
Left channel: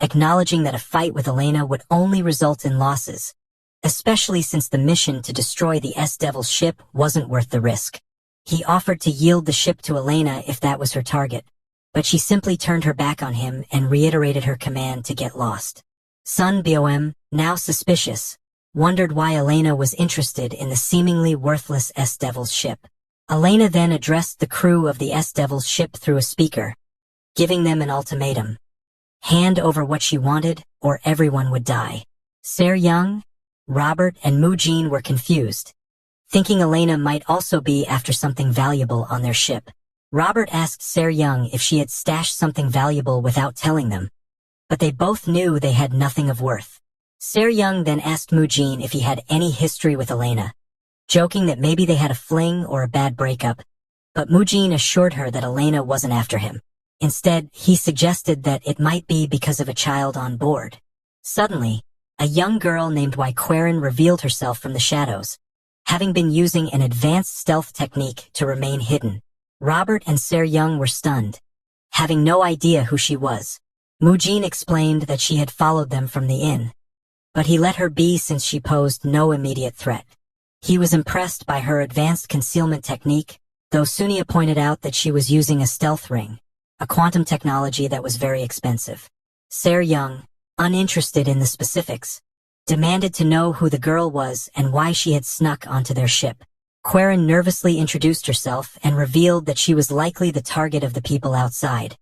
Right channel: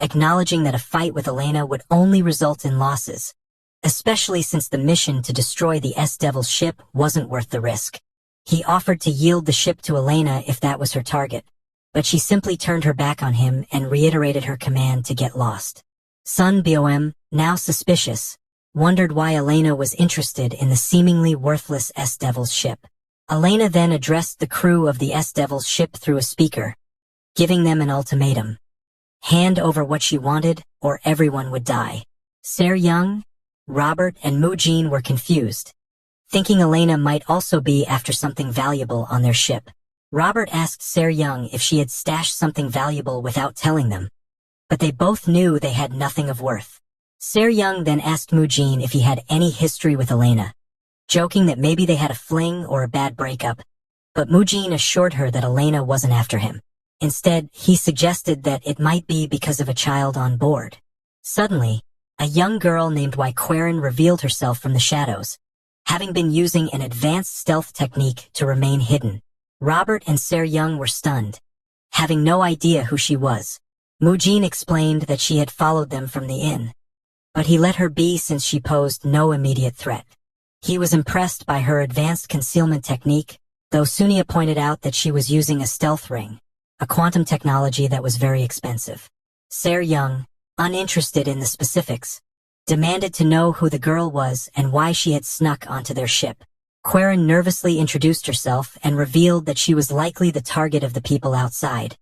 acknowledging that a fight with Elena would only result in losses, especially since the mission to destroy the S-Devil's ship wasn't worth the risk. He offered to yield the ship to Elena if that was her target, but she simply turned her back on him and reiterated her command to get lost. Sun Bom, now suspicious, wondered why Elena was interested in the seemingly worthless S-Devil's ship. Elena then addressed the crew of the S-Devil's ship through a speaker, giving them an ultimatum. hand over what she wanted, or everyone would die. Se-young, Robert, and Mu-jin were confused, thinking Elena might also be after something valuable on their ship. Robert asked Se-young if she had stashed something valuable without telling them, but they both knew they had nothing of worth. Se-young then asked Mu-jin if he had any history with Elena, joking that maybe they had a fling or a bad breakup, but Mu-jin assured her that Elena wasn't after him. Instead, he suggested that it might be because of a child on board. Suddenly, a young girl named Quarren revealed herself from the shadows, having been using an advanced stealth technique to remain hidden. Robert and Se-young were stunned, having no idea who she was. Mu-jin explained that she had followed them from the inn, but he let her be since she posed no immediate threat. He was impressed by her advanced concealment technique, though Sunia pointed out that she was using a stealth ring, a quantum technology that was very expensive. Se-young, uninterested in the specifics, demanded to know who the girl was and why she had snuck onto their ship. Quarren nervously introduced herself and revealed that she was likely the target of the people outside,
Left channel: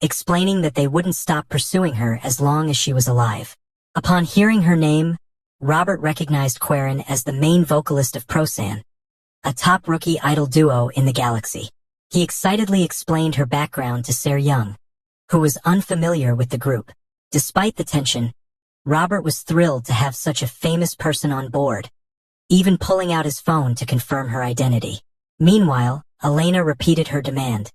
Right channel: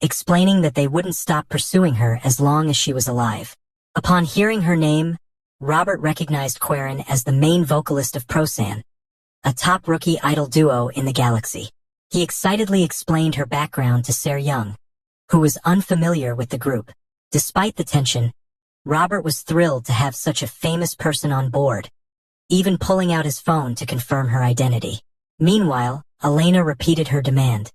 explaining that they wouldn't stop pursuing her as long as she was alive. Upon hearing her name, Robert recognized Quarren as the main vocalist of Prosan, a top rookie idol duo in the galaxy. He excitedly explained her background to Se-young, who was unfamiliar with the group. Despite the tension, Robert was thrilled to have such a famous person on board, even pulling out his phone to confirm her identity. Meanwhile, Elena repeated her demand,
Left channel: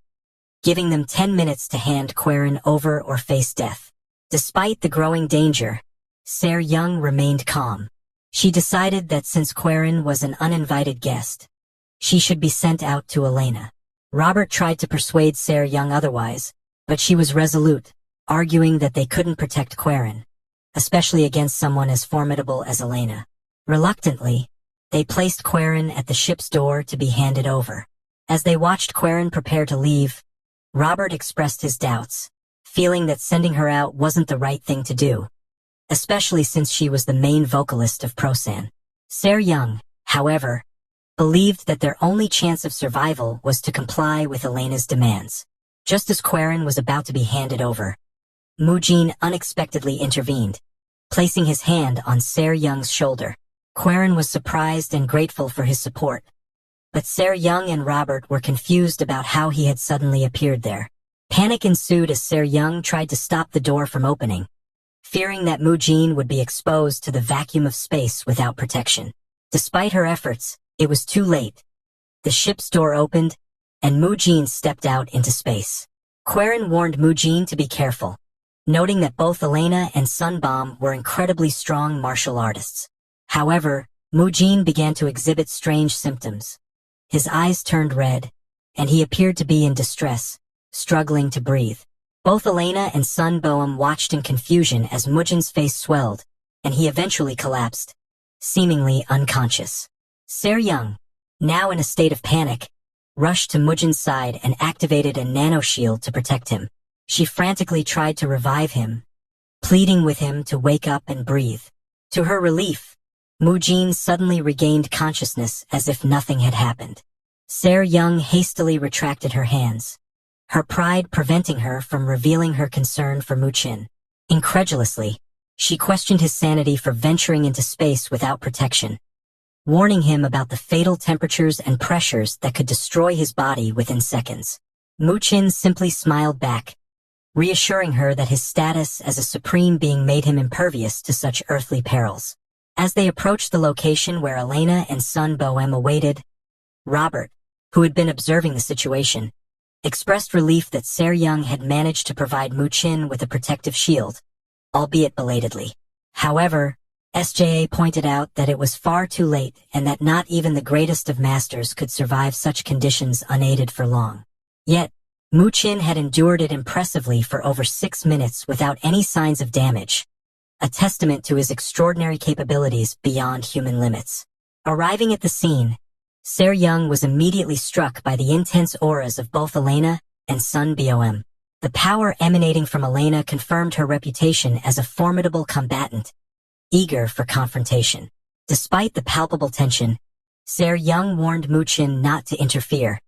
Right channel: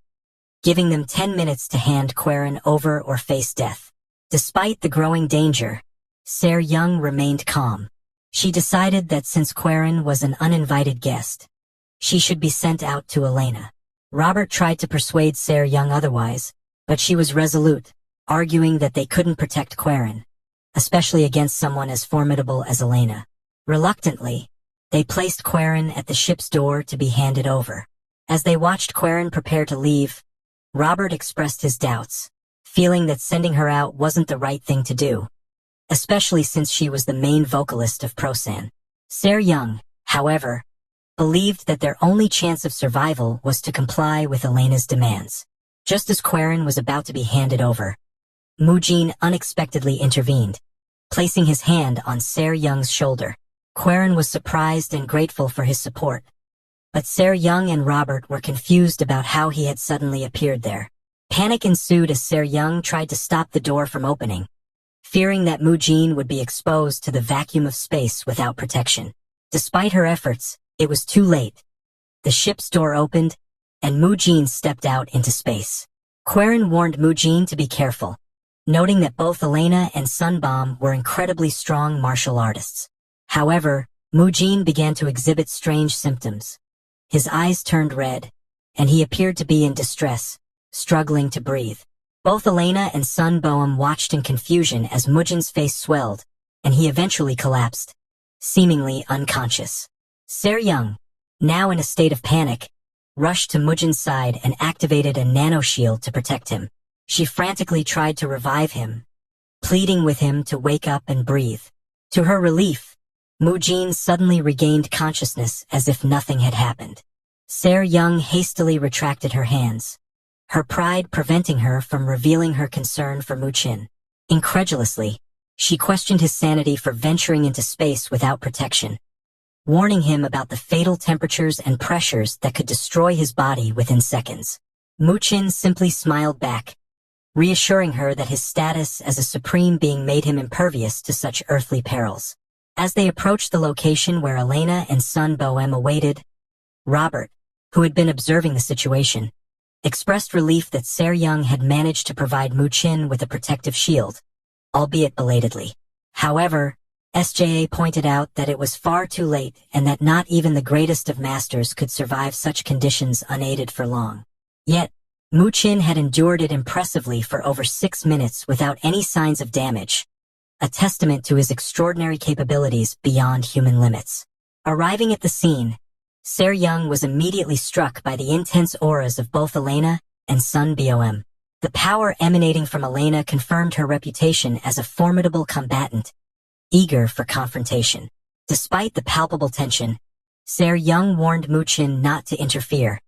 giving them 10 minutes to hand Quarren over or face death. Despite the growing danger, Se-young remained calm. She decided that since Quarren was an uninvited guest, she should be sent out to Elena. Robert tried to persuade Se-young otherwise, but she was resolute, arguing that they couldn't protect Quarren, especially against someone as formidable as Elena. Reluctantly, they placed Quarren at the ship's door to be handed over. As they watched Quarren prepare to leave, Robert expressed his doubts, feeling that sending her out wasn't the right thing to do, especially since she was the main vocalist of Prosan. Se-young, however, believed that their only chance of survival was to comply with Elena's demands. Just as Quarren was about to be handed over, Mu-jin unexpectedly intervened, placing his hand on Se-young's shoulder. Quarren was surprised and grateful for his support, but Se-young and Robert were confused about how he had suddenly appeared there. Panic ensued as Se-young tried to stop the door from opening, fearing that Mu-jin would be exposed to the vacuum of space without protection. Despite her efforts, it was too late. The ship's door opened, and Mu-jin stepped out into space. Quarren warned Mu-jin to be careful, noting that both Elena and Sunbomb were incredibly strong martial artists. However, Mu-jin began to exhibit strange symptoms. His eyes turned red, and he appeared to be in distress, struggling to breathe. Both Elena and Sunbomb watched in confusion as Mu-jin's face swelled, and he eventually collapsed, seemingly unconscious. Se-young, now in a state of panic, rushed to Mu-jin's side and activated a nanoshield to protect him. She frantically tried to revive him, pleading with him to wake up and breathe. To her relief, Mu-jin suddenly regained consciousness as if nothing had happened. Se-young hastily retracted her hands, her pride preventing her from revealing her concern for Mu-jin. Incredulously, she questioned his sanity for venturing into space without protection, warning him about the fatal temperatures and pressures that could destroy his body within seconds. Mu-jin simply smiled back, reassuring her that his status as a supreme being made him impervious to such earthly perils. As they approached the location where Elena and Sunbomb awaited, Robert, who had been observing the situation, expressed relief that Se-young had managed to provide Mu-jin with a protective shield, albeit belatedly. However, SJA pointed out that it was far too late and that not even the greatest of masters could survive such conditions unaided for long. Yet, Mu-jin had endured it impressively for over 6 minutes without any signs of damage, a testament to his extraordinary capabilities beyond human limits. Arriving at the scene, Se-young was immediately struck by the intense auras of both Elena and Sunbomb. The power emanating from Elena confirmed her reputation as a formidable combatant, eager for confrontation. Despite the palpable tension, Se-young warned Mu-jin not to interfere,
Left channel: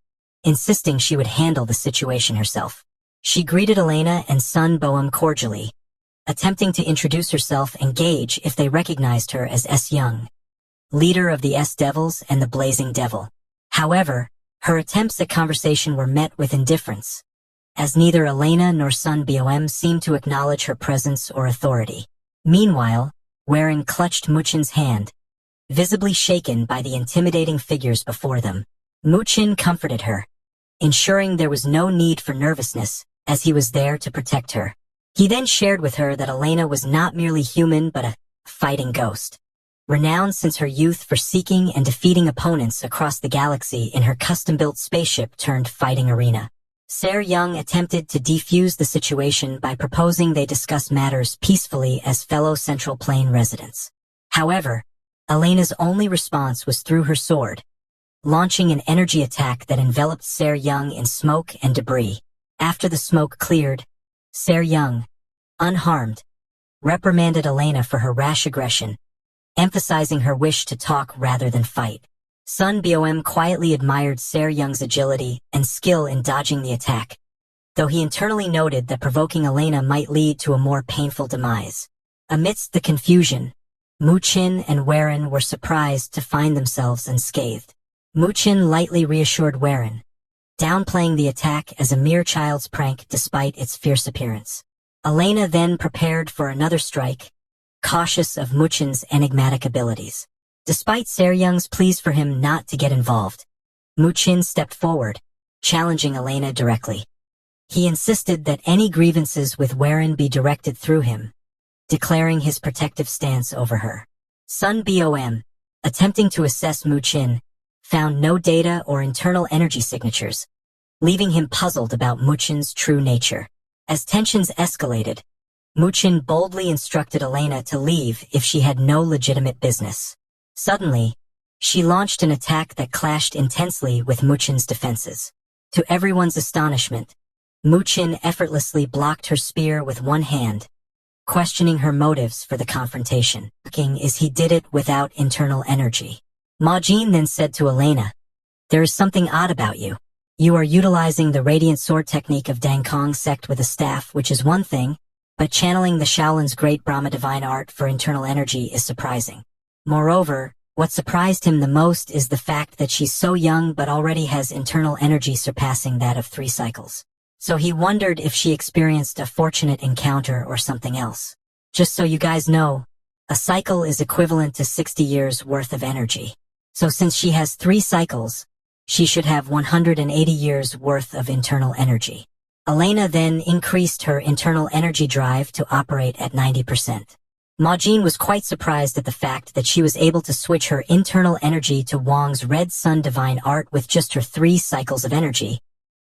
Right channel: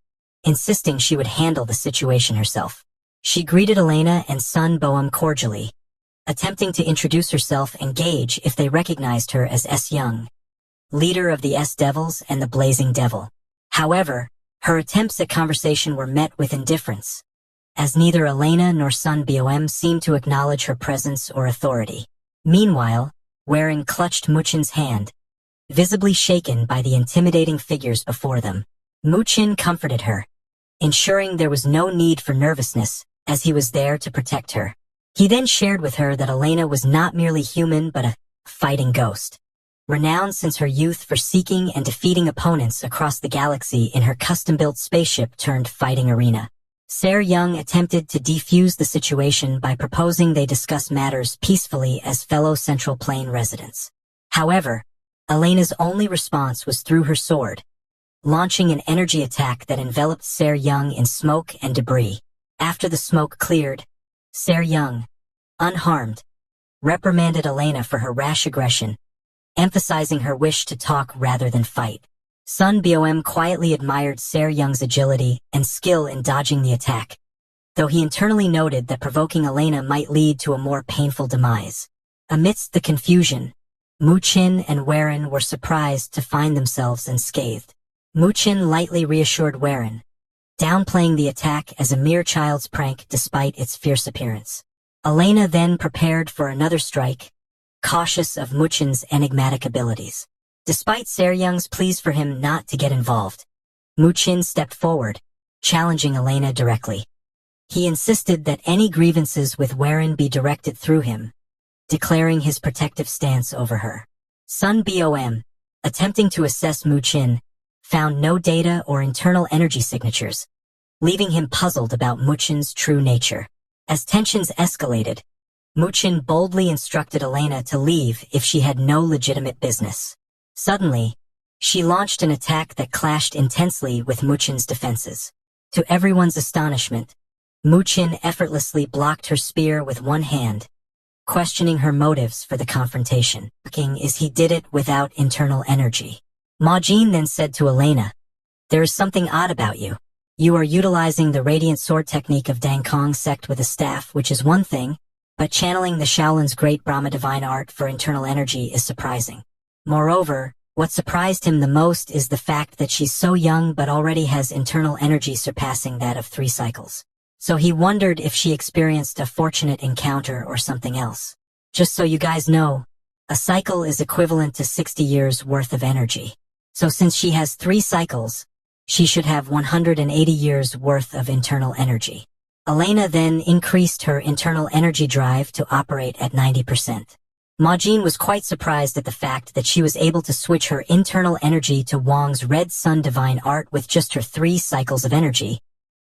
insisting she would handle the situation herself. She greeted Elena and Sunbomb cordially, attempting to introduce herself and gauge if they recognized her as S. Young, leader of the S-Devils and the Blazing Devil. However, her attempts at conversation were met with indifference, as neither Elena nor Sun Bom seemed to acknowledge her presence or authority. Meanwhile, Warren clutched Muchin's hand, visibly shaken by the intimidating figures before them. Muchin comforted her, ensuring there was no need for nervousness, as he was there to protect her. He then shared with her that Elena was not merely human but a fighting ghost, renowned since her youth for seeking and defeating opponents across the galaxy in her custom-built spaceship turned fighting arena. Ser Young attempted to defuse the situation by proposing they discuss matters peacefully as fellow Central Plane residents. However, Elena's only response was through her sword, launching an energy attack that enveloped Ser Young in smoke and debris. After the smoke cleared, Ser Young, unharmed, reprimanded Elena for her rash aggression, emphasizing her wish to talk rather than fight. Sun Bom quietly admired Ser Young's agility and skill in dodging the attack, though he internally noted that provoking Elena might lead to a more painful demise. Amidst the confusion, Muchin and Warren were surprised to find themselves unscathed. Muchin lightly reassured Warren, downplaying the attack as a mere child's prank despite its fierce appearance. Elena then prepared for another strike, cautious of Muchin's enigmatic abilities. Despite Ser Young's pleas for him not to get involved, Muchin stepped forward, challenging Elena directly. He insisted that any grievances with Warren be directed through him, declaring his protective stance over her. Sun Bom, attempting to assess Muchin, found no data or internal energy signatures, leaving him puzzled about Muchin's true nature. As tensions escalated, Muchin boldly instructed Elena to leave if she had no legitimate business. Suddenly, she launched an attack that clashed intensely with Muchin's defenses. To everyone's astonishment, Muchin effortlessly blocked her spear with one hand, questioning her motives for the confrontation. Is he did it without internal energy. Majin then said to Elena, "There is something odd about you. You are utilizing the radiant sword technique of Dangkong sect with a staff, which is one thing, but channeling the Shaolin's great Brahma divine art for internal energy is surprising. Moreover, what surprised him the most is the fact that she's so young but already has internal energy surpassing that of 3 cycles. So he wondered if she experienced a fortunate encounter or something else. Just so you guys know, a cycle is equivalent to 60 years worth of energy. So since she has 3 cycles, she should have 180 years worth of internal energy." Elena then increased her internal energy drive to operate at 90%. Majin was quite surprised at the fact that she was able to switch her internal energy to Wang's Red Sun divine art with just her 3 cycles of energy.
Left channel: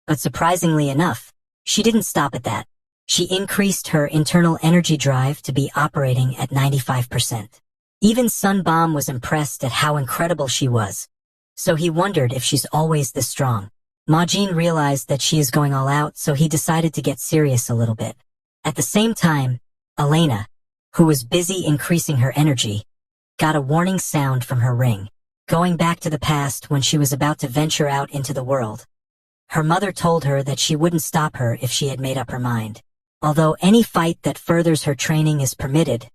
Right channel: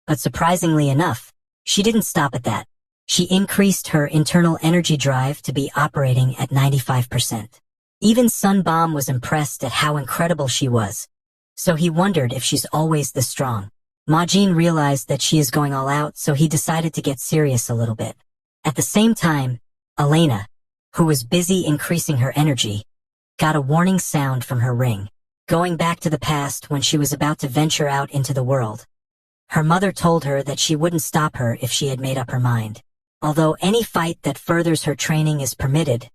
But surprisingly enough, she didn't stop at that. She increased her internal energy drive to be operating at 95%. Even Sun Bom was impressed at how incredible she was, so he wondered if she's always this strong. Majin realized that she is going all out, so he decided to get serious a little bit. At the same time, Elena, who was busy increasing her energy, got a warning sound from her ring. Going back to the past when she was about to venture out into the world, her mother told her that she wouldn't stop her if she had made up her mind. Although any fight that furthers her training is permitted,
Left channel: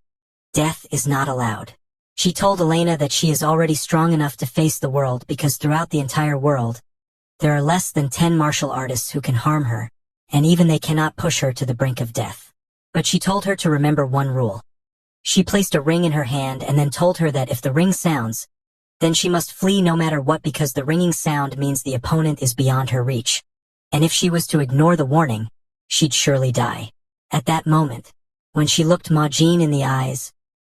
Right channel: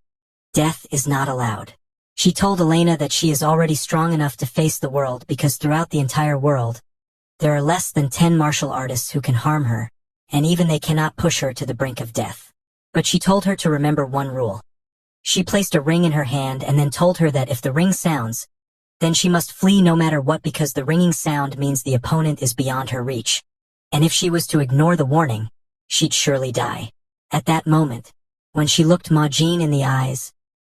death is not allowed. She told Elena that she is already strong enough to face the world because throughout the entire world, there are less than 10 martial artists who can harm her, and even they cannot push her to the brink of death. But she told her to remember one rule. She placed a ring in her hand and then told her that if the ring sounds, then she must flee no matter what because the ringing sound means the opponent is beyond her reach. And if she was to ignore the warning, she'd surely die. At that moment, when she looked Majin in the eyes,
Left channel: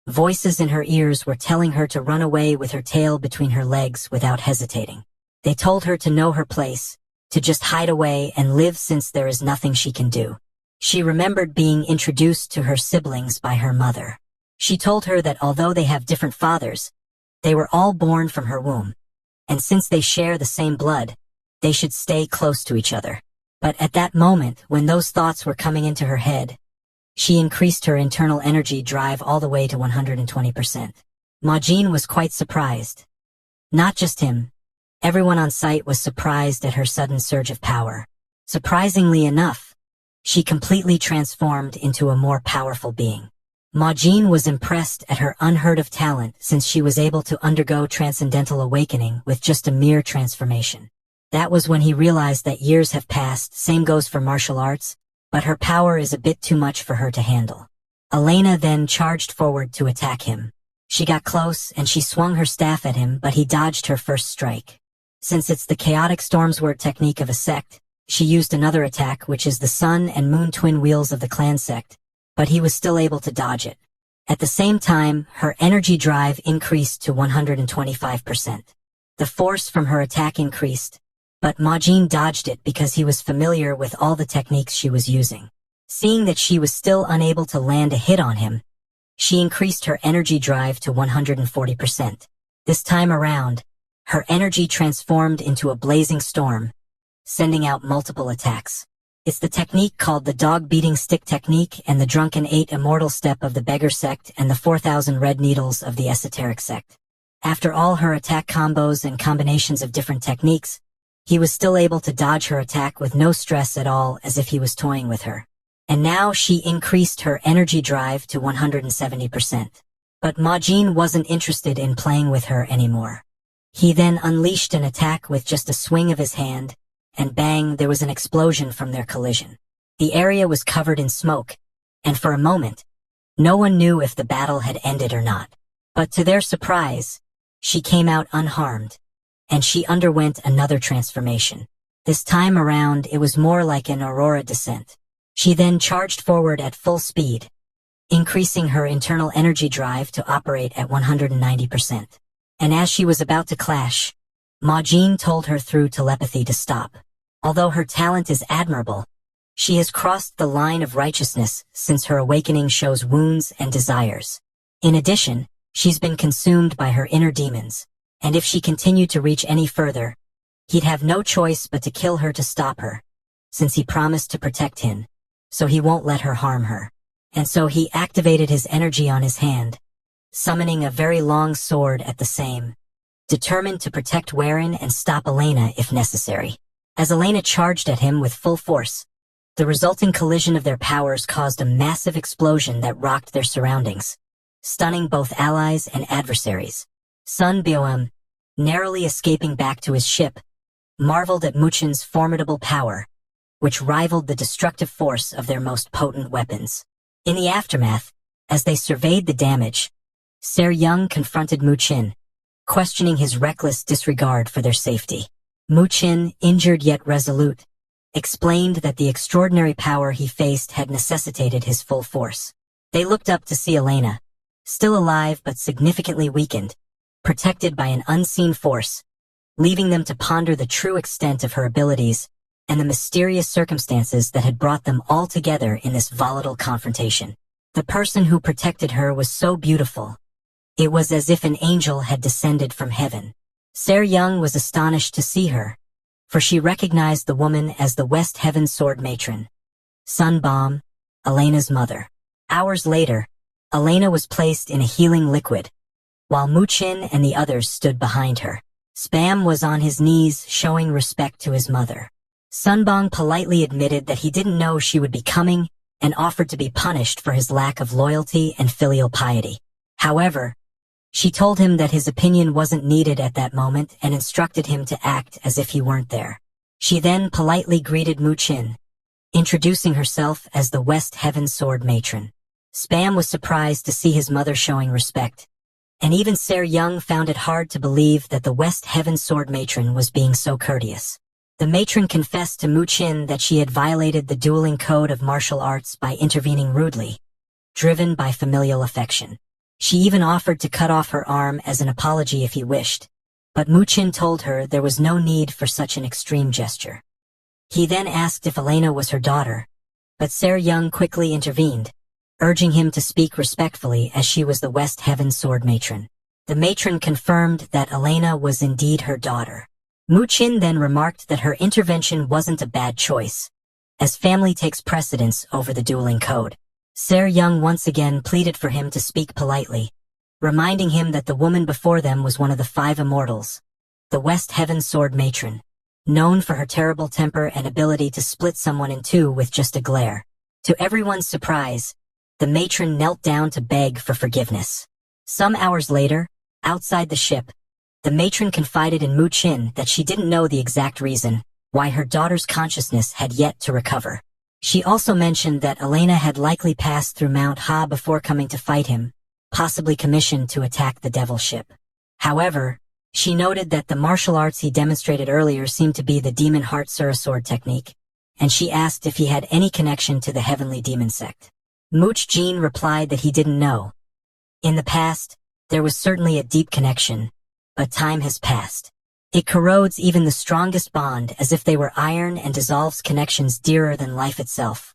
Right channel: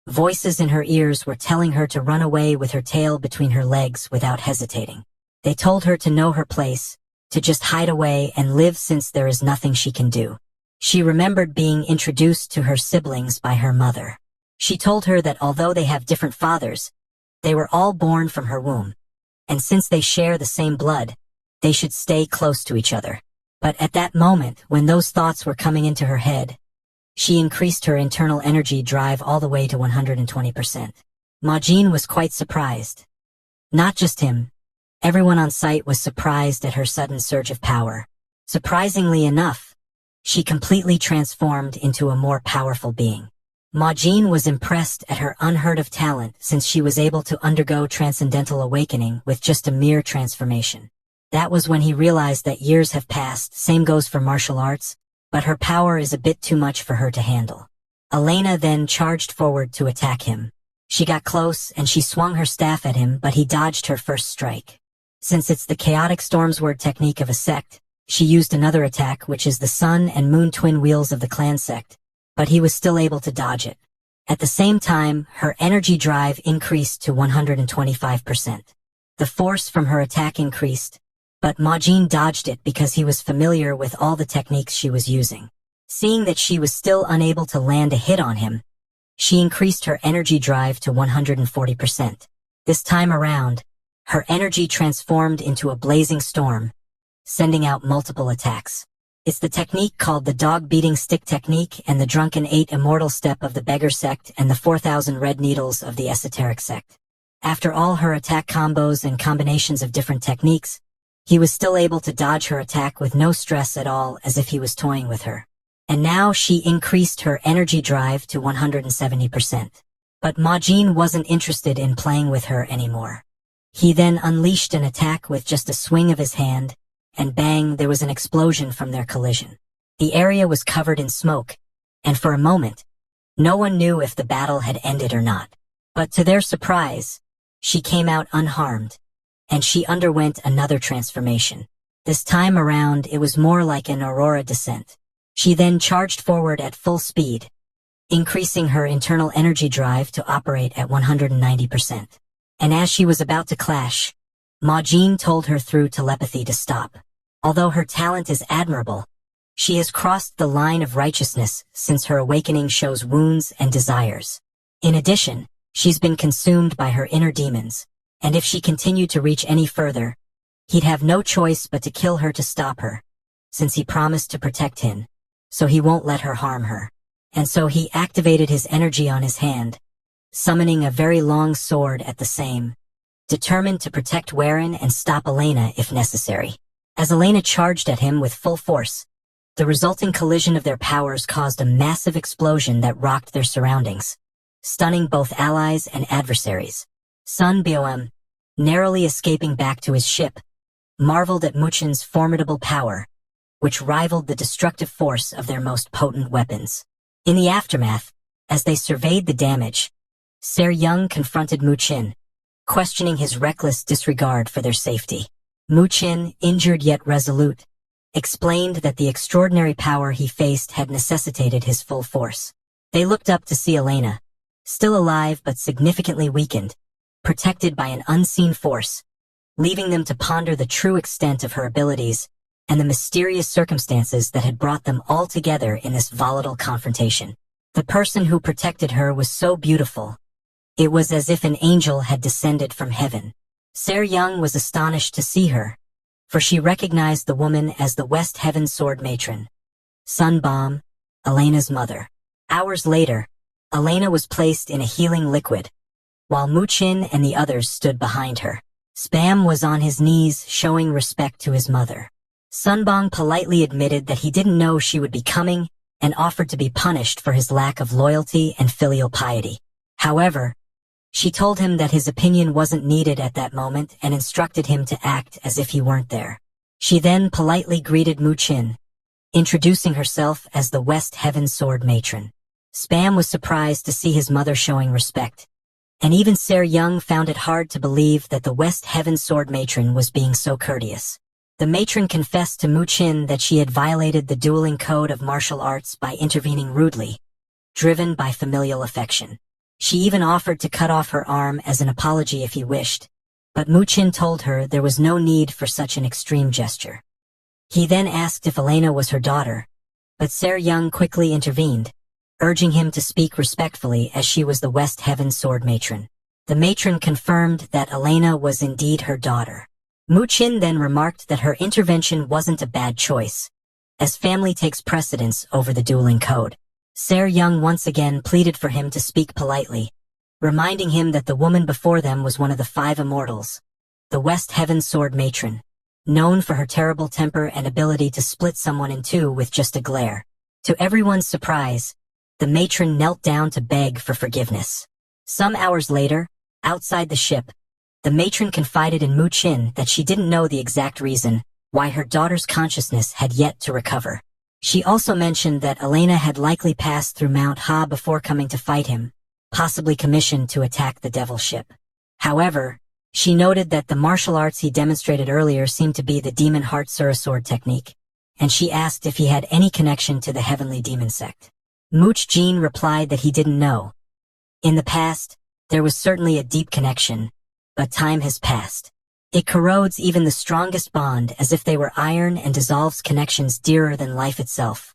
voices in her ears were telling her to run away with her tail between her legs without hesitating. They told her to know her place, to just hide away and live since there is nothing she can do. She remembered being introduced to her siblings by her mother. She told her that although they have different fathers, they were all born from her womb, and since they share the same blood, they should stay close to each other. But at that moment, when those thoughts were coming into her head, she increased her internal energy drive all the way to 120%. Majin was quite surprised. Not just him. Everyone on site was surprised at her sudden surge of power. Surprisingly enough, she completely transformed into a more powerful being. Ma Jin was impressed at her unheard-of talent since she was able to undergo transcendental awakening with just a mere transformation. That was when he realized that years have passed, same goes for martial arts, but her power is a bit too much for her to handle. Elena then charged forward to attack him. She got close and she swung her staff at him, but he dodged her first strike. Since it's the chaotic stormsword technique of a sect, she used another attack, which is the sun and moon twin wheels of the clan sect, but he was still able to dodge it. At the same time, her energy drive increased to 125%. The force from her attack increased, but Ma Jin dodged it because he was familiar with all the techniques she was using. Seeing that she was still unable to land a hit on him, she increased her energy drive to 140%. This time around, her energy transformed into a blazing storm, sending out multiple attacks. It's the technique called the dog-beating stick technique and the drunken 8 immortal step of the beggar sect and the 4,000 red needles of the esoteric sect. After all her attack combos and combinations of different techniques, he was still able to dodge her attack with no stress at all, as if he was toying with her. And now she increased her energy drive to 170%. But Ma Jin wasn't interested in playing with her anymore. He then unleashed an attack with just a swing of his hand, and bang, there was an explosion from their collision. The area was covered in smoke, and for a moment, no one knew if the battle had ended or not. But to their surprise, she came out unharmed, and she underwent another transformation. This time around, it was more like an aurora descent. She then charged forward at full speed, increasing her internal energy drive to operate at 190%. And as she was about to clash, Ma Jin told her through telepathy to stop. Although her talent is admirable, she has crossed the line of righteousness since her awakening shows wounds and desires. In addition, she's been consumed by her inner demons, and if she continued to reach any further, he'd have no choice but to kill her to stop her, since he promised to protect him, so he won't let her harm her. And so he activated his energy on his hand, summoning a very long sword at the same, determined to protect Warren and stop Elena if necessary. As Elena charged at him with full force, the resulting collision of their powers caused a massive explosion that rocked their surroundings, stunning both allies and adversaries. Sun Boem, narrowly escaping back to his ship, marveled at Muchin's formidable power, which rivaled the destructive force of their most potent weapons. In the aftermath, as they surveyed the damage, Ser Young confronted Muchin, questioning his reckless disregard for their safety. Muchin, injured yet resolute, explained that the extraordinary power he faced had necessitated his full force. They looked up to see Elena, still alive but significantly weakened, protected by an unseen force, leaving them to ponder the true extent of her abilities and the mysterious circumstances that had brought them all together in this volatile confrontation. The person who protected her was so beautiful. It was as if an angel had descended from heaven. Ser Young was astonished to see her, for she recognized the woman as the West Heaven Sword Matron, Sun Bomb, Elena's mother. Hours later, Elena was placed in a healing liquid, while Muchin and the others stood behind her. Spam was on his knees showing respect to his mother. Sunbong politely admitted that he didn't know she would be coming and offered to be punished for his lack of loyalty and filial piety. However, she told him that his opinion wasn't needed at that moment and instructed him to act as if he weren't there. She then politely greeted Muchin, introducing herself as the West Heaven Sword Matron. Spam was surprised to see his mother showing respect, and even Ser Young found it hard to believe that the West Heaven Sword Matron was being so courteous. The matron confessed to Muchin that she had violated the dueling code of martial arts by intervening rudely, driven by familial affection. She even offered to cut off her arm as an apology if he wished, but Muchin told her there was no need for such an extreme gesture. He then asked if Elena was her daughter, but Ser Young quickly intervened, urging him to speak respectfully as she was the West Heaven Sword Matron. The matron confirmed that Elena was indeed her daughter. Muchin then remarked that her intervention wasn't a bad choice, as family takes precedence over the dueling code. Ser Young once again pleaded for him to speak politely, reminding him that the woman before them was one of the 5 immortals, the West Heaven Sword Matron, known for her terrible temper and ability to split someone in two with just a glare. To everyone's surprise, the matron knelt down to beg for forgiveness. Some hours later, outside the ship, the matron confided in Mu Qin that she didn't know the exact reason why her daughter's consciousness had yet to recover. She also mentioned that Elena had likely passed through Mount Ha before coming to fight him, possibly commissioned to attack the devil ship. However, she noted that the martial arts he demonstrated earlier seemed to be the demon heart Surasword technique, and she asked if he had any connection to the heavenly demon sect. Mu Qin replied that he didn't know. In the past, there was certainly a deep connection, but time has passed. It corrodes even the strongest bond as if they were iron and dissolves connections dearer than life itself.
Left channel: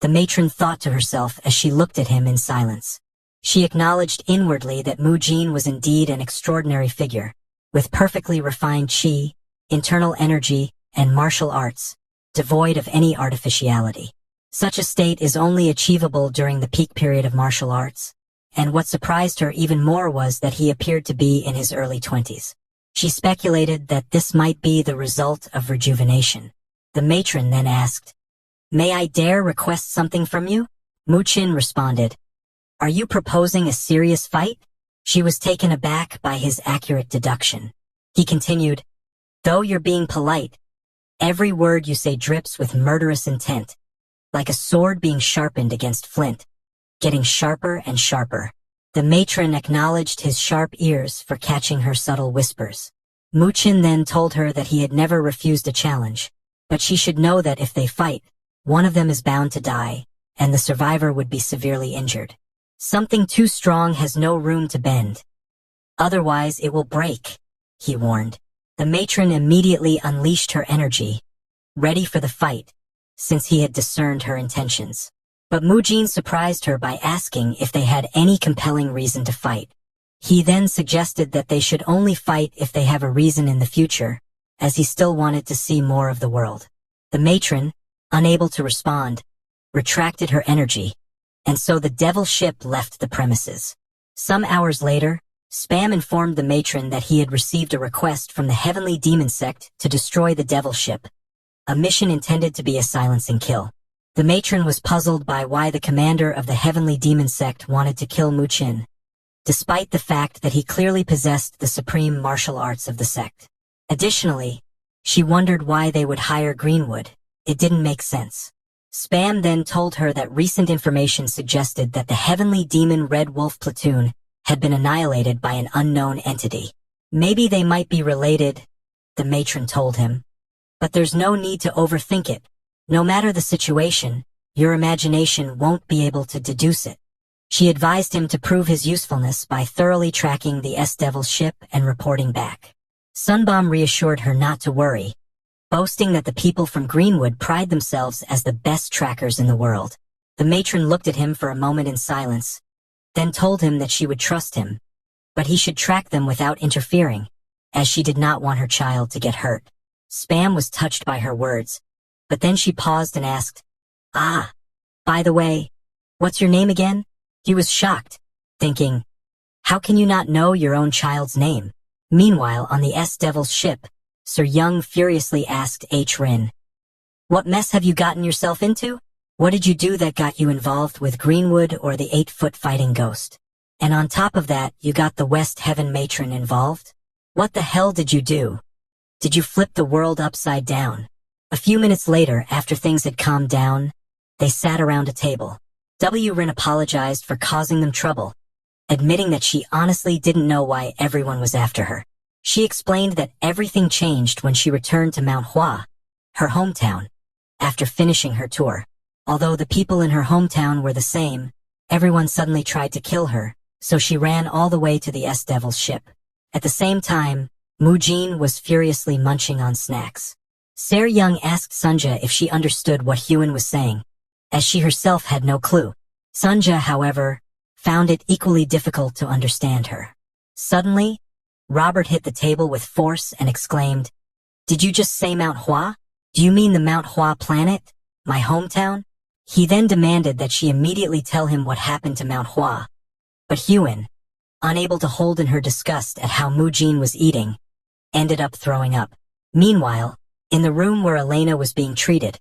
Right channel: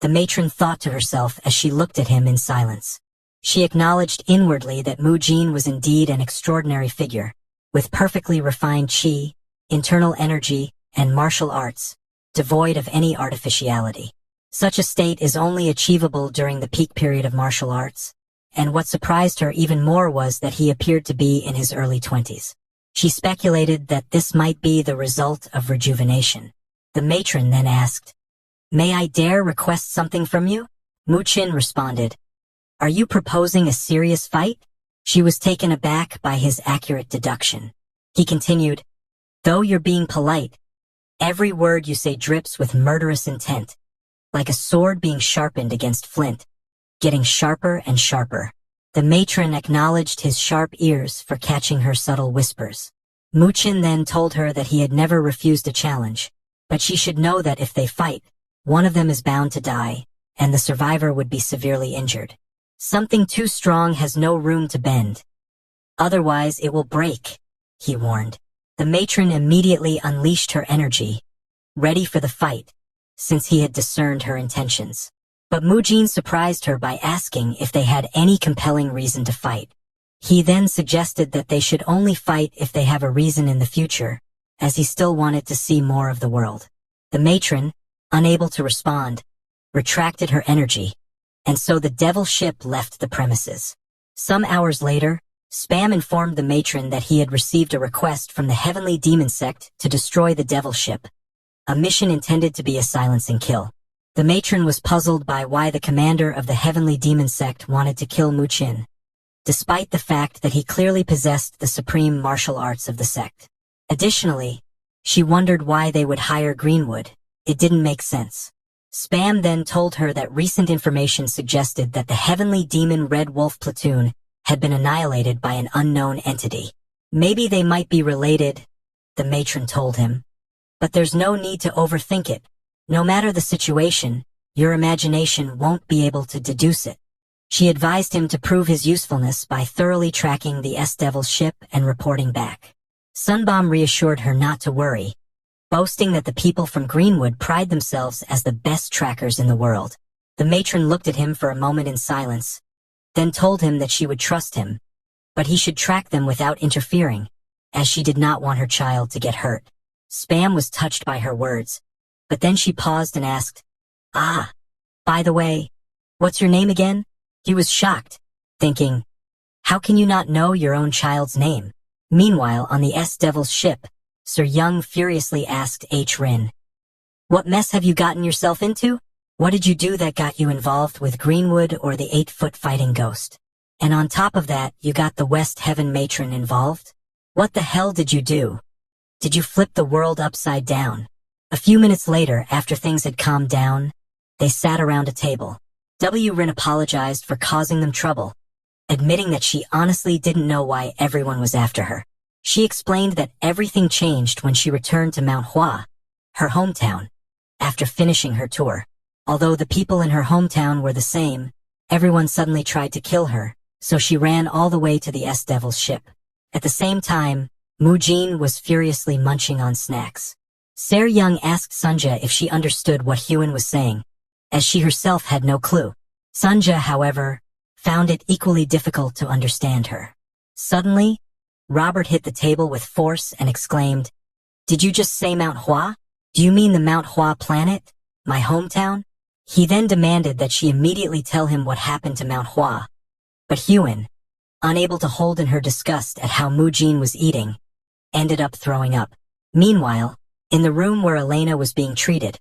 The matron thought to herself as she looked at him in silence. She acknowledged inwardly that Mu Qin was indeed an extraordinary figure, with perfectly refined qi, internal energy, and martial arts, devoid of any artificiality. Such a state is only achievable during the peak period of martial arts, and what surprised her even more was that he appeared to be in his early 20s. She speculated that this might be the result of rejuvenation. The matron then asked, "May I dare request something from you?" Mu Qin responded, "Are you proposing a serious fight?" She was taken aback by his accurate deduction. He continued, "Though you're being polite, every word you say drips with murderous intent, like a sword being sharpened against flint, getting sharper and sharper." The matron acknowledged his sharp ears for catching her subtle whispers. Mu Qin then told her that he had never refused a challenge, but she should know that if they fight, one of them is bound to die, and the survivor would be severely injured. Something too strong has no room to bend. Otherwise it will break, he warned. The matron immediately unleashed her energy, ready for the fight, since he had discerned her intentions. But Mu Qin surprised her by asking if they had any compelling reason to fight. He then suggested that they should only fight if they have a reason in the future, as he still wanted to see more of the world. The matron, unable to respond, retracted her energy, and so the devil ship left the premises. Some hours later, Spam informed the matron that he had received a request from the heavenly demon sect to destroy the devil ship, a mission intended to be a silencing kill. The matron was puzzled by why the commander of the heavenly demon sect wanted to kill Mu Qin, despite the fact that he clearly possessed the supreme martial arts of the sect. Additionally, she wondered why they would hire Greenwood. It didn't make sense. Spam then told her that recent information suggested that the heavenly demon Red Wolf platoon had been annihilated by an unknown entity. Maybe they might be related, the matron told him. But there's no need to overthink it. No matter the situation, your imagination won't be able to deduce it. She advised him to prove his usefulness by thoroughly tracking the S-Devil's ship and reporting back. Sunbomb reassured her not to worry, boasting that the people from Greenwood pride themselves as the best trackers in the world. The matron looked at him for a moment in silence, then told him that she would trust him, but he should track them without interfering, as she did not want her child to get hurt. Spam was touched by her words, but then she paused and asked, "Ah, by the way, what's your name again?" He was shocked, thinking, how can you not know your own child's name? Meanwhile, on the S-Devil's ship, Sir Young furiously asked H. Rin, "What mess have you gotten yourself into? What did you do that got you involved with Greenwood or the 8-foot fighting ghost? And on top of that, you got the West Heaven matron involved? What the hell did you do? Did you flip the world upside down?" A few minutes later, after things had calmed down, they sat around a table. W. Rin apologized for causing them trouble, admitting that she honestly didn't know why everyone was after her. She explained that everything changed when she returned to Mount Hua, her hometown, after finishing her tour. Although the people in her hometown were the same, everyone suddenly tried to kill her, so she ran all the way to the S-Devil's ship. At the same time, Mu Qin was furiously munching on snacks. Sir Young asked Sunja if she understood what Huan was saying, as she herself had no clue. Sunja, however, found it equally difficult to understand her. Suddenly, Robert hit the table with force and exclaimed, "Did you just say Mount Hua? Do you mean the Mount Hua planet? My hometown?" He then demanded that she immediately tell him what happened to Mount Hua. But Huan, unable to hold in her disgust at how Mu Qin was eating, ended up throwing up. Meanwhile, in the room where Elena was being treated.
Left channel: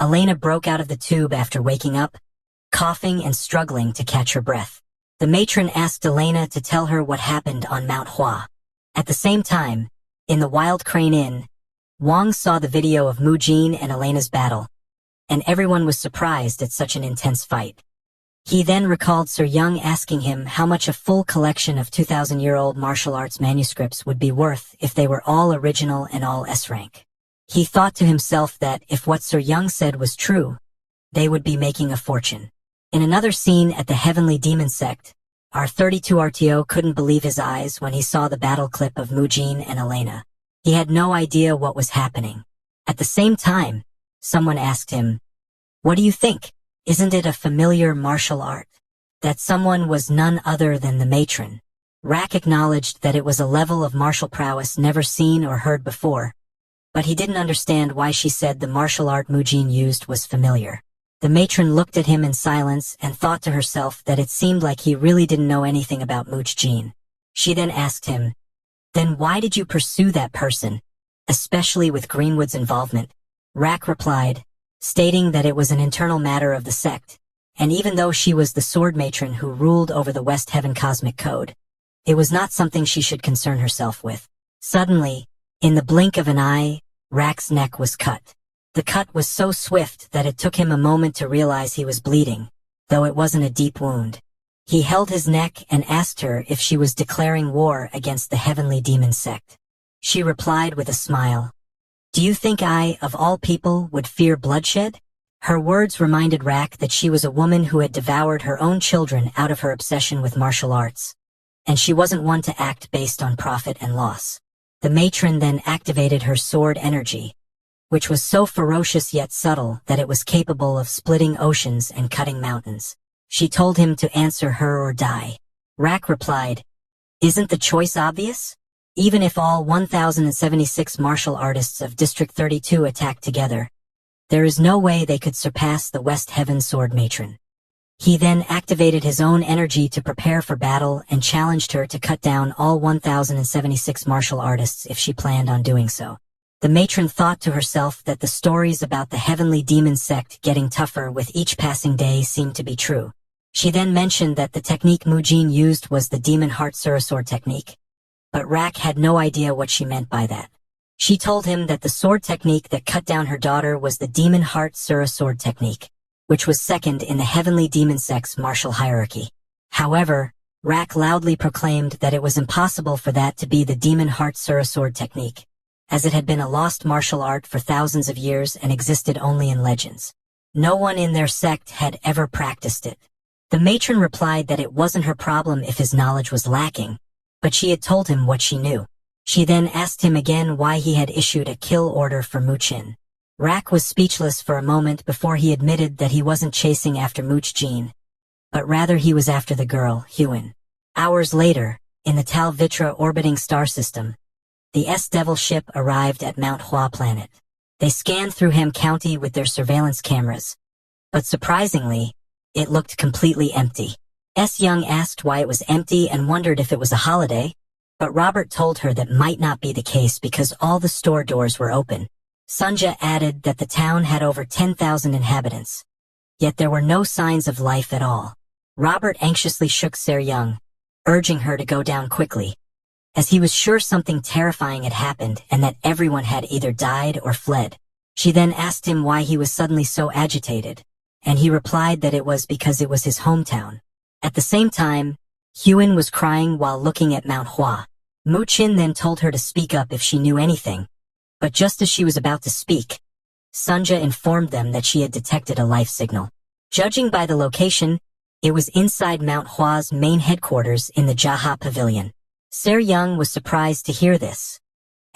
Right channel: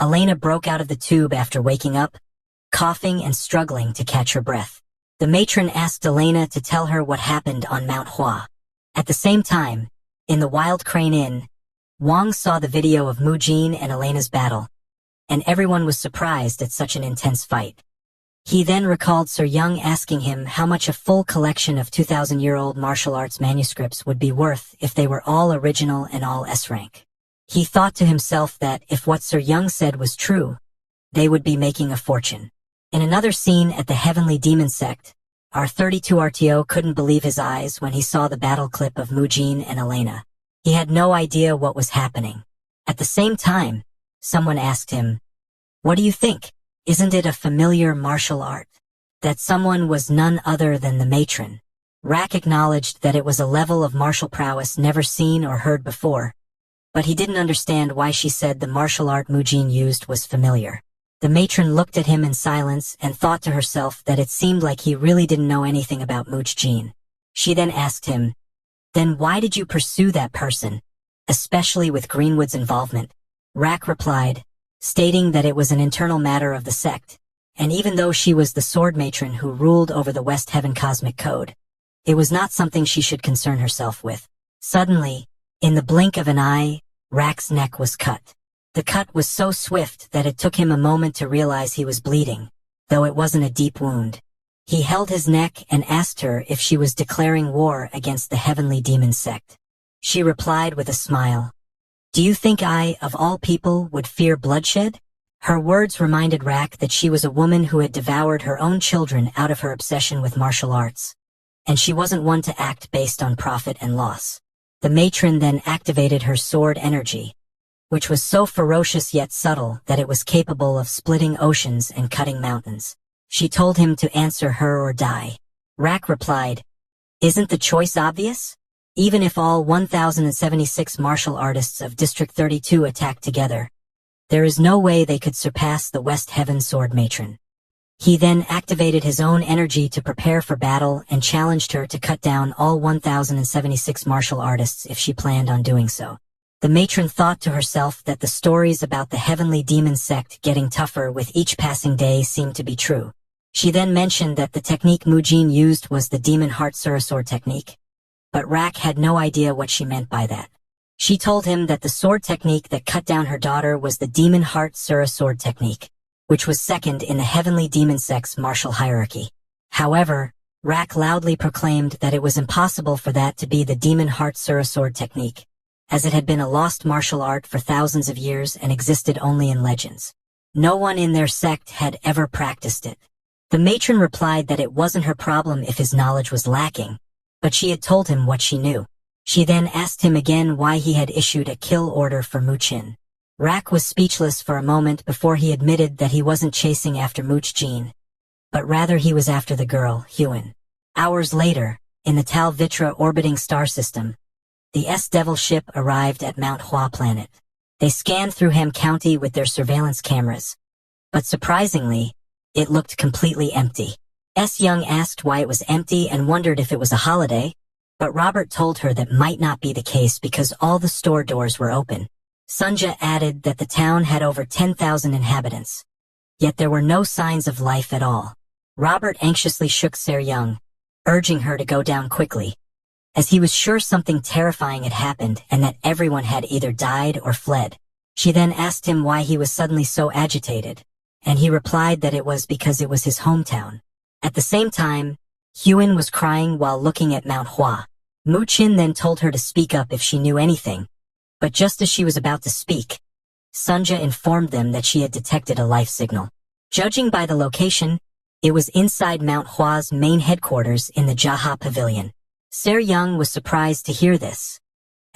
Elena broke out of the tube after waking up, coughing and struggling to catch her breath. The matron asked Elena to tell her what happened on Mount Hua. At the same time, in the Wild Crane Inn, Wang saw the video of Mu Jin and Elena's battle, and everyone was surprised at such an intense fight. He then recalled Sir Young asking him how much a full collection of 2,000-year-old martial arts manuscripts would be worth if they were all original and all S-rank. He thought to himself that if what Sir Young said was true, they would be making a fortune. In another scene at the Heavenly Demon Sect, our 32 RTO couldn't believe his eyes when he saw the battle clip of Mu Jin and Elena. He had no idea what was happening. At the same time, someone asked him, "What do you think? Isn't it a familiar martial art?" That someone was none other than the matron. Rack acknowledged that it was a level of martial prowess never seen or heard before, but he didn't understand why she said the martial art Mu Jin used was familiar. The matron looked at him in silence and thought to herself that it seemed like he really didn't know anything about Mu Jin. She then asked him, "Then why did you pursue that person, especially with Greenwood's involvement?" Rack replied, stating that it was an internal matter of the sect, and even though she was the sword matron who ruled over the West Heaven Cosmic Code, it was not something she should concern herself with. Suddenly, in the blink of an eye, Rack's neck was cut. The cut was so swift that it took him a moment to realize he was bleeding, though it wasn't a deep wound. He held his neck and asked her if she was declaring war against the Heavenly Demon Sect. She replied with a smile, "Do you think I, of all people, would fear bloodshed?" Her words reminded Rack that she was a woman who had devoured her own children out of her obsession with martial arts, and she wasn't one to act based on profit and loss. The matron then activated her sword energy, which was so ferocious yet subtle that it was capable of splitting oceans and cutting mountains. She told him to answer her or die. Rack replied, "Isn't the choice obvious? Even if all 1,076 martial artists of District 32 attacked together, there is no way they could surpass the West Heaven Sword Matron." He then activated his own energy to prepare for battle and challenged her to cut down all 1,076 martial artists if she planned on doing so. The matron thought to herself that the stories about the Heavenly Demon Sect getting tougher with each passing day seemed to be true. She then mentioned that the technique Mu Jin used was the Demon Heart Surasword technique, but Rack had no idea what she meant by that. She told him that the sword technique that cut down her daughter was the Demon Heart Surasword technique, which was second in the Heavenly Demon Sect's martial hierarchy. However, Rack loudly proclaimed that it was impossible for that to be the Demon Heart Surasword technique, as it had been a lost martial art for thousands of years and existed only in legends. No one in their sect had ever practiced it. The matron replied that it wasn't her problem if his knowledge was lacking, but she had told him what she knew. She then asked him again why he had issued a kill order for Mu Jin. Rack was speechless for a moment before he admitted that he wasn't chasing after Mu Jin, but rather he was after the girl, Huan. Hours later, in the Tal Vitra orbiting star system, the S-Devil ship arrived at Mount Hua planet. They scanned through Ham County with their surveillance cameras, but surprisingly, it looked completely empty. S. Young asked why it was empty and wondered if it was a holiday, but Robert told her that might not be the case because all the store doors were open. Sunja added that the town had over 10,000 inhabitants, yet there were no signs of life at all. Robert anxiously shook Ser Young, urging her to go down quickly, as he was sure something terrifying had happened and that everyone had either died or fled. She then asked him why he was suddenly so agitated, and he replied that it was because it was his hometown. At the same time, Huan was crying while looking at Mount Hua. Mu Jin then told her to speak up if she knew anything, but just as she was about to speak, Sunja informed them that she had detected a life signal. Judging by the location, it was inside Mount Hua's main headquarters in the Jaha Pavilion. Ser Young was surprised to hear this,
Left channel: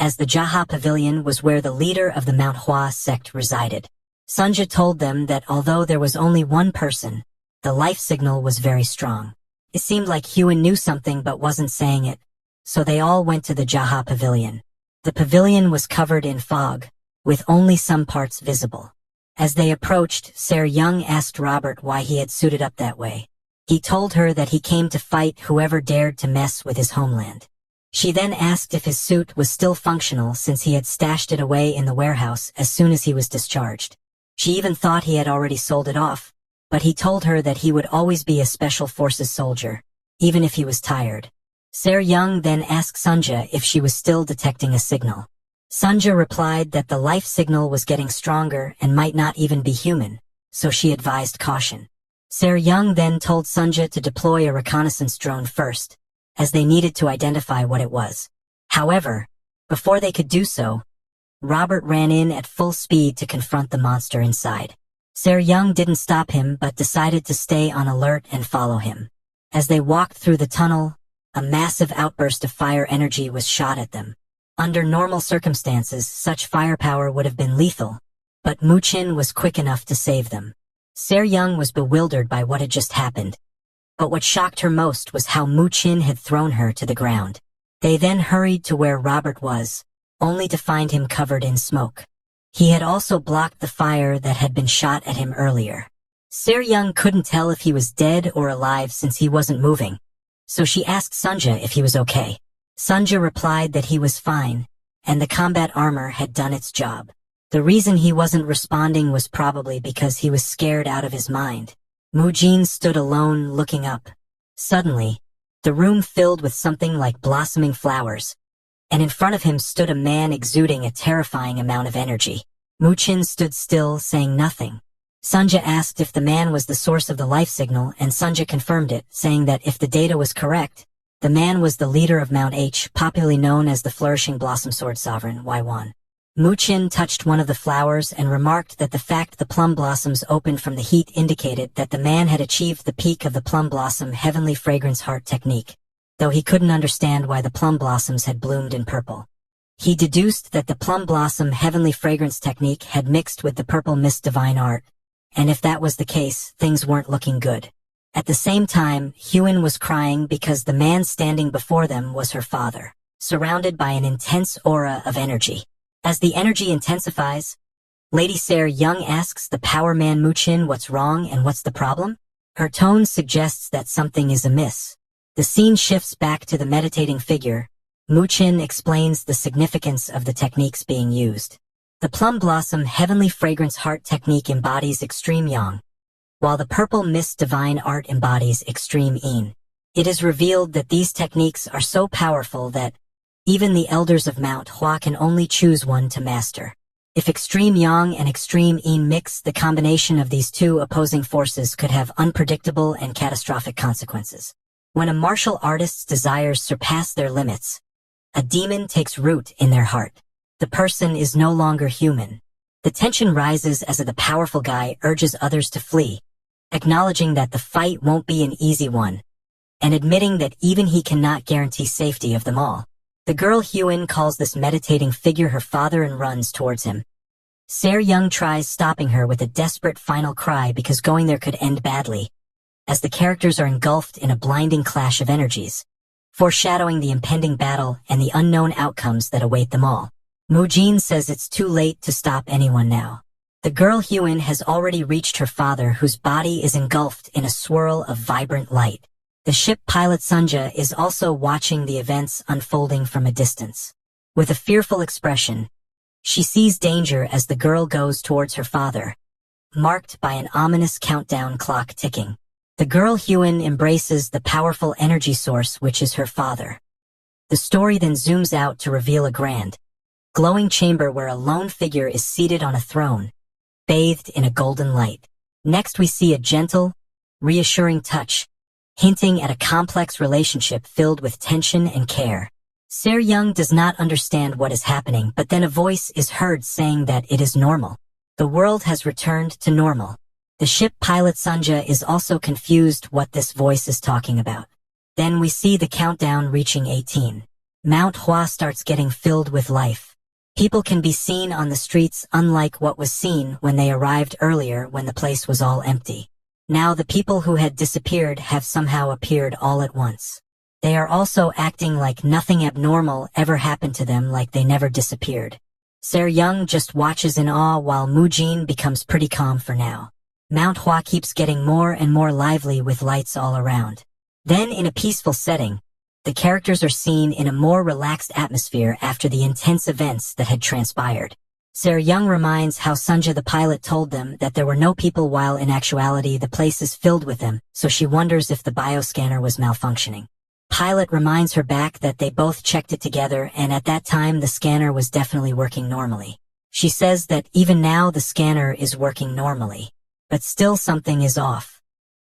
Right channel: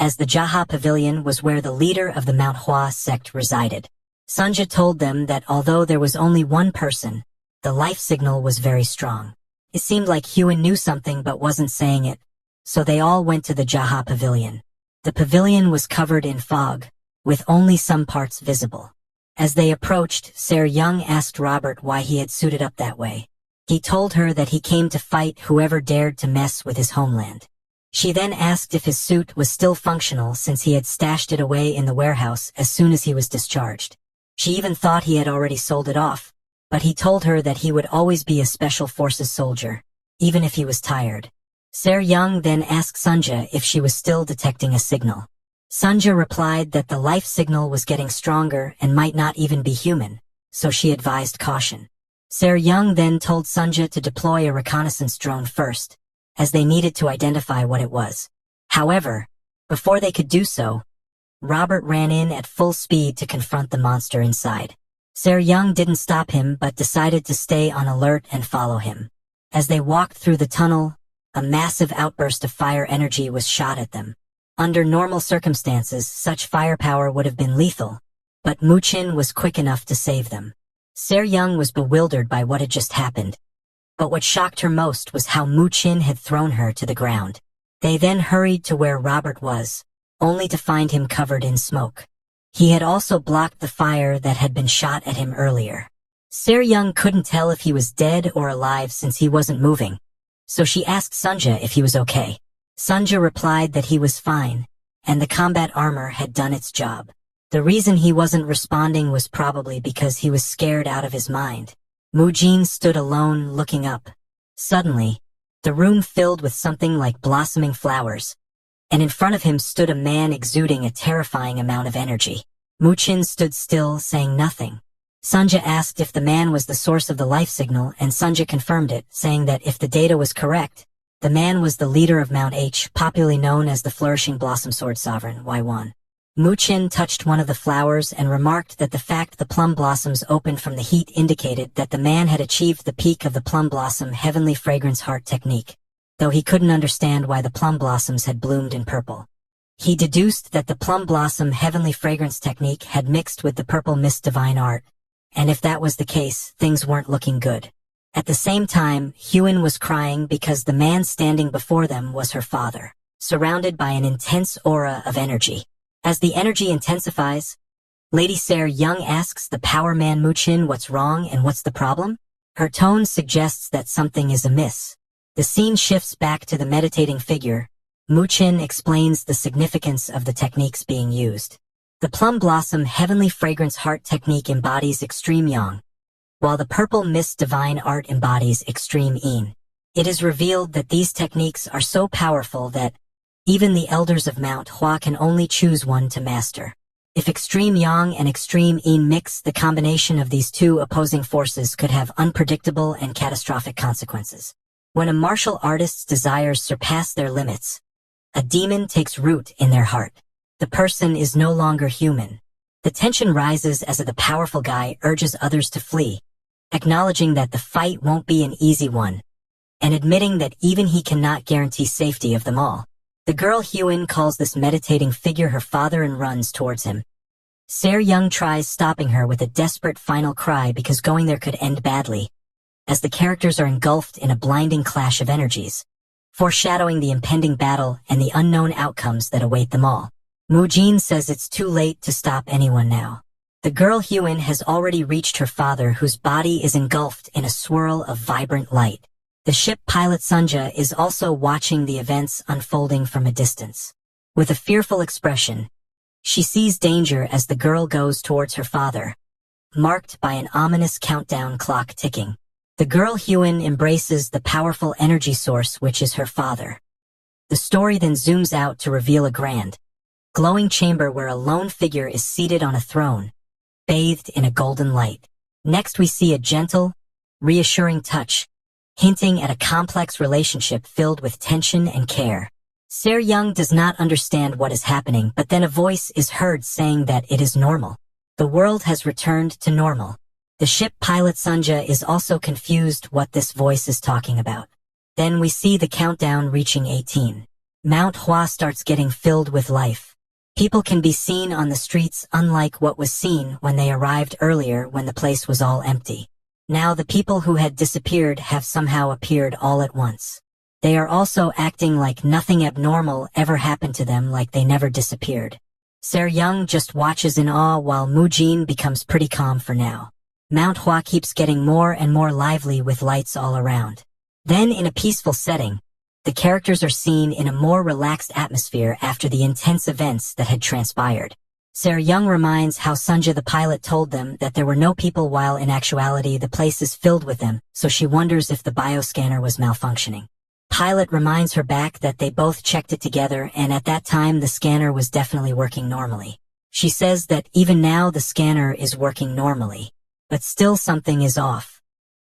as the Jaha Pavilion was where the leader of the Mount Hua sect resided. Sunja told them that although there was only one person, the life signal was very strong. It seemed like Huan knew something but wasn't saying it, so they all went to the Jaha Pavilion. The pavilion was covered in fog, with only some parts visible. As they approached, Ser Young asked Robert why he had suited up that way. He told her that he came to fight whoever dared to mess with his homeland. She then asked if his suit was still functional since he had stashed it away in the warehouse as soon as he was discharged. She even thought he had already sold it off, but he told her that he would always be a special forces soldier, even if he was tired. Se-ryung then asked Sunja if she was still detecting a signal. Sunja replied that the life signal was getting stronger and might not even be human, so she advised caution. Se-ryung then told Sunja to deploy a reconnaissance drone first, as they needed to identify what it was. However, before they could do so, Robert ran in at full speed to confront the monster inside. Se-ryung didn't stop him but decided to stay on alert and follow him. As they walked through the tunnel, a massive outburst of fire energy was shot at them. Under normal circumstances, such firepower would have been lethal, but Muchin was quick enough to save them. Se-ryung was bewildered by what had just happened, but what shocked her most was how Muchin had thrown her to the ground. They then hurried to where Robert was, only to find him covered in smoke. He had also blocked the fire that had been shot at him earlier. Se-ryung couldn't tell if he was dead or alive since he wasn't moving, so she asked Sunja if he was okay. Sunja replied that he was fine, and the combat armor had done its job. The reason he wasn't responding was probably because he was scared out of his mind. Mujin stood alone, looking up. Suddenly, the room filled with something like blossoming flowers, and in front of him stood a man exuding a terrifying amount of energy. Muchin stood still, saying nothing. Sunja asked if the man was the source of the life signal, and Sunja confirmed it, saying that if the data was correct, the man was the leader of Mount H, popularly known as the Flourishing Blossom Sword Sovereign, Ywan. Muchin touched one of the flowers and remarked that the fact the plum blossoms opened from the heat indicated that the man had achieved the peak of the plum blossom heavenly fragrance heart technique, though he couldn't understand why the plum blossoms had bloomed in purple. He deduced that the plum blossom heavenly fragrance technique had mixed with the purple mist divine art, and if that was the case, things weren't looking good. At the same time, Hyun was crying because the man standing before them was her father, surrounded by an intense aura of energy. As the energy intensifies, Lady Se-ryung asks the power man Muchin what's wrong and what's the problem. Her tone suggests that something is amiss. The scene shifts back to the meditating figure. Muchin explains the significance of the techniques being used. The plum blossom heavenly fragrance heart technique embodies extreme yang, while the purple mist divine art embodies extreme yin. It is revealed that these techniques are so powerful that even the elders of Mount Hua can only choose one to master. If extreme yang and extreme yin mix, the combination of these two opposing forces could have unpredictable and catastrophic consequences. When a martial artist's desires surpass their limits, a demon takes root in their heart. The person is no longer human. The tension rises as the powerful guy urges others to flee, acknowledging that the fight won't be an easy one, and admitting that even he cannot guarantee safety of them all. The girl Hyun calls this meditating figure her father and runs towards him. Se-ryung tries stopping her with a desperate final cry because going there could end badly, as the characters are engulfed in a blinding clash of energies, foreshadowing the impending battle and the unknown outcomes that await them all. Mujin says it's too late to stop anyone now. The girl Hyun has already reached her father, whose body is engulfed in a swirl of vibrant light. The ship pilot Sunja is also watching the events unfolding from a distance. With a fearful expression, she sees danger as the girl goes towards her father, marked by an ominous countdown clock ticking. The girl Hyun embraces the powerful energy source which is her father. The story then zooms out to reveal a grand, glowing chamber where a lone figure is seated on a throne, bathed in a golden light. Next we see a gentle, reassuring touch, hinting at a complex relationship filled with tension and care. Se-ryung does not understand what is happening, but then a voice is heard saying that it is normal. The world has returned to normal. The ship pilot Sunja is also confused what this voice is talking about. Then we see the countdown reaching 18. Mount Hua starts getting filled with life. People can be seen on the streets, unlike what was seen when they arrived earlier when the place was all empty. Now the people who had disappeared have somehow appeared all at once. They are also acting like nothing abnormal ever happened to them, like they never disappeared. Se-ryung just watches in awe while Mujin becomes pretty calm for now. Mount Hua keeps getting more and more lively with lights all around. Then in a peaceful setting, the characters are seen in a more relaxed atmosphere after the intense events that had transpired. Se-ryung reminds how Sunja the pilot told them that there were no people while in actuality the place is filled with them, so she wonders if the bioscanner was malfunctioning. Pilot reminds her back that they both checked it together and at that time the scanner was definitely working normally. She says that even now the scanner is working normally. But still something is off,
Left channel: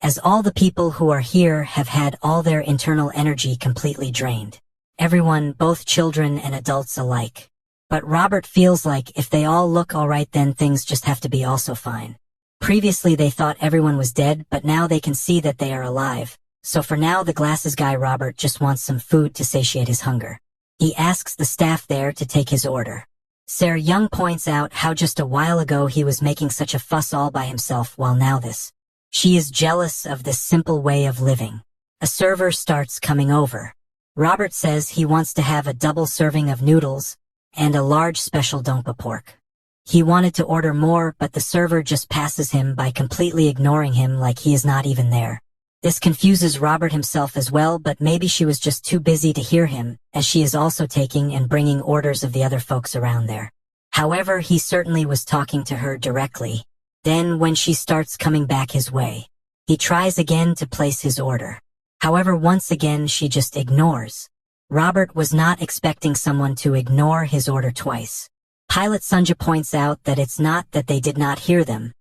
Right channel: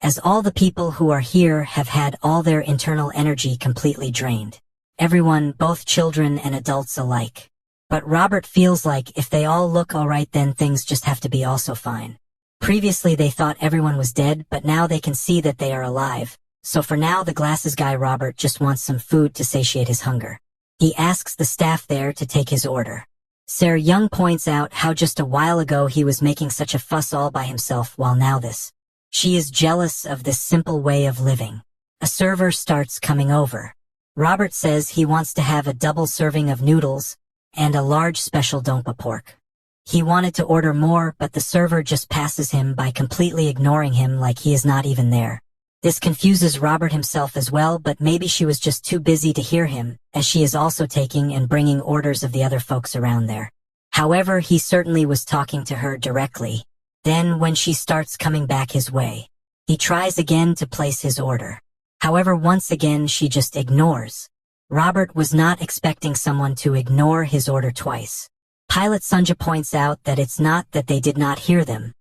as all the people who are here have had all their internal energy completely drained. Everyone, both children and adults alike. But Robert feels like if they all look alright then things just have to be also fine. Previously they thought everyone was dead, but now they can see that they are alive. So for now the glasses guy Robert just wants some food to satiate his hunger. He asks the staff there to take his order. Se-ryung points out how just a while ago he was making such a fuss all by himself while now this. She is jealous of this simple way of living. A server starts coming over. Robert says he wants to have a double serving of noodles and a large special dompa pork. He wanted to order more, but the server just passes him by completely ignoring him like he is not even there. This confuses Robert himself as well, but maybe she was just too busy to hear him, as she is also taking and bringing orders of the other folks around there. However, he certainly was talking to her directly. Then, when she starts coming back his way, he tries again to place his order. However, once again she just ignores. Robert was not expecting someone to ignore his order twice. Pilot Sunja points out that it's not that they did not hear them.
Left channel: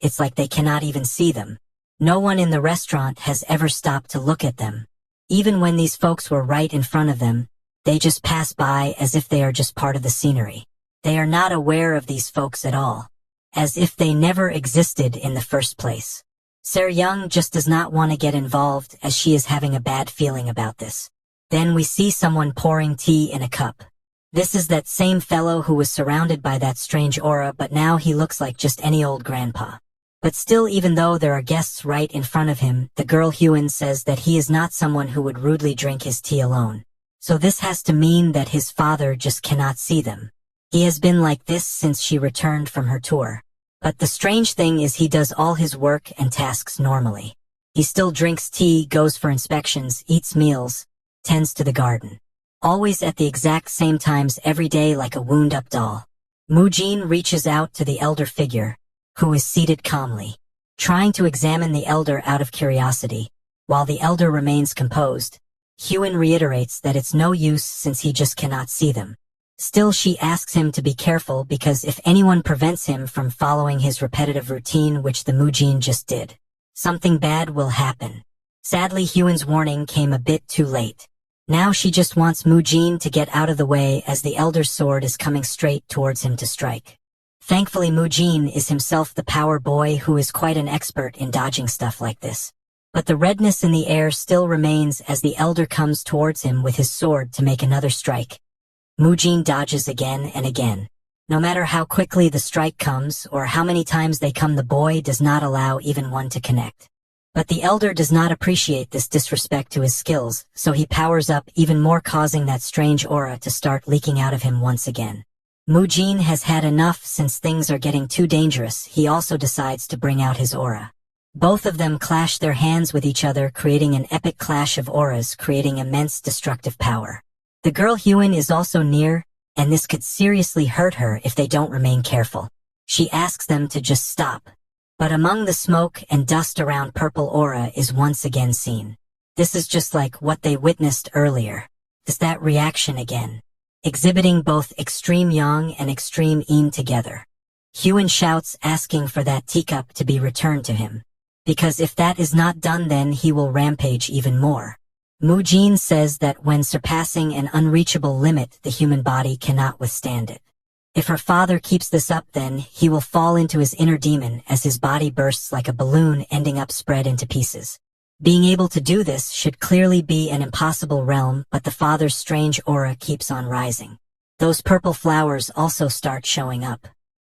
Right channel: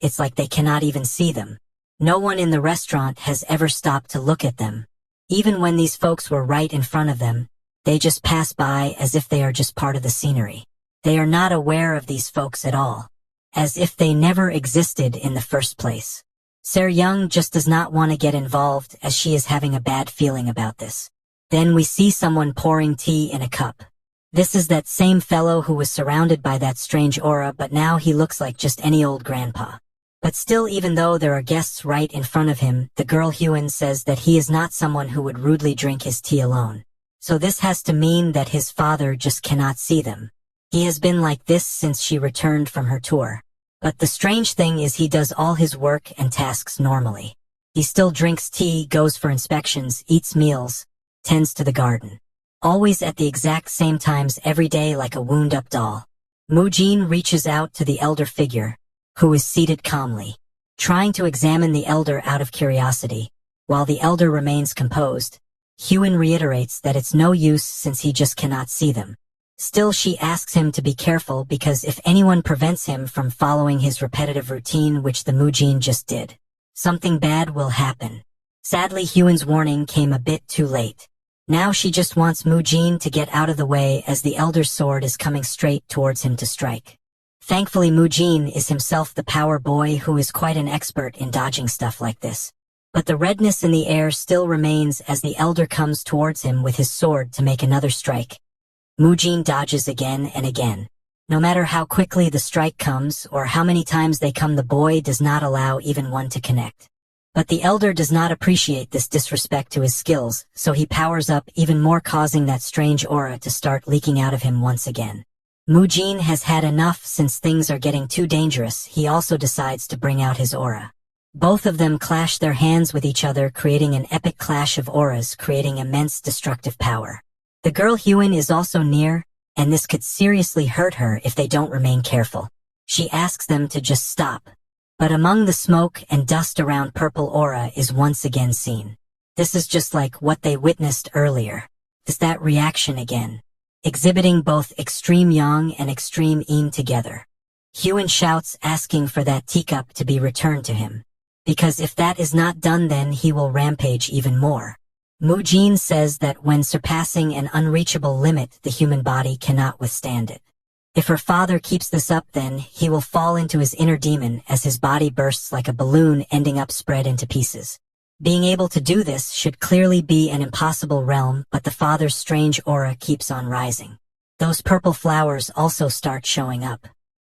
It's like they cannot even see them. No one in the restaurant has ever stopped to look at them. Even when these folks were right in front of them, they just pass by as if they are just part of the scenery. They are not aware of these folks at all, as if they never existed in the first place. Se-ryung just does not want to get involved as she is having a bad feeling about this. Then we see someone pouring tea in a cup. This is that same fellow who was surrounded by that strange aura, but now he looks like just any old grandpa. But still, even though there are guests right in front of him, the girl Hyun says that he is not someone who would rudely drink his tea alone. So this has to mean that his father just cannot see them. He has been like this since she returned from her tour. But the strange thing is he does all his work and tasks normally. He still drinks tea, goes for inspections, eats meals, tends to the garden. Always at the exact same times every day like a wound-up doll. Moojin reaches out to the elder figure, who is seated calmly, trying to examine the elder out of curiosity. While the elder remains composed, Hyun reiterates that it's no use since he just cannot see them. Still, she asks him to be careful because if anyone prevents him from following his repetitive routine, which the Moojin just did, something bad will happen. Sadly, Hyun's warning came a bit too late. Now she just wants Moojin to get out of the way as the elder's sword is coming straight towards him to strike. Thankfully, Moojin is himself the power boy who is quite an expert in dodging stuff like this. But the redness in the air still remains as the elder comes towards him with his sword to make another strike. Moojin dodges again and again. No matter how quickly the strike comes or how many times they come, the boy does not allow even one to connect. But the elder does not appreciate this disrespect to his skills, so he powers up even more, causing that strange aura to start leaking out of him once again. Moojin has had enough since things are getting too dangerous. He also decides to bring out his aura. Both of them clash their hands with each other, creating an epic clash of auras, creating immense destructive power. The girl Hyun is also near, and this could seriously hurt her if they don't remain careful. She asks them to just stop. But among the smoke and dust around, purple aura is once again seen. This is just like what they witnessed earlier. It's that reaction again, exhibiting both extreme yang and extreme yin together. Hyun shouts, asking for that teacup to be returned to him, because if that is not done then he will rampage even more. Moojin says that when surpassing an unreachable limit, the human body cannot withstand it. If her father keeps this up, then he will fall into his inner demon as his body bursts like a balloon, ending up spread into pieces. Being able to do this should clearly be an impossible realm, but the father's strange aura keeps on rising. Those purple flowers also start showing up.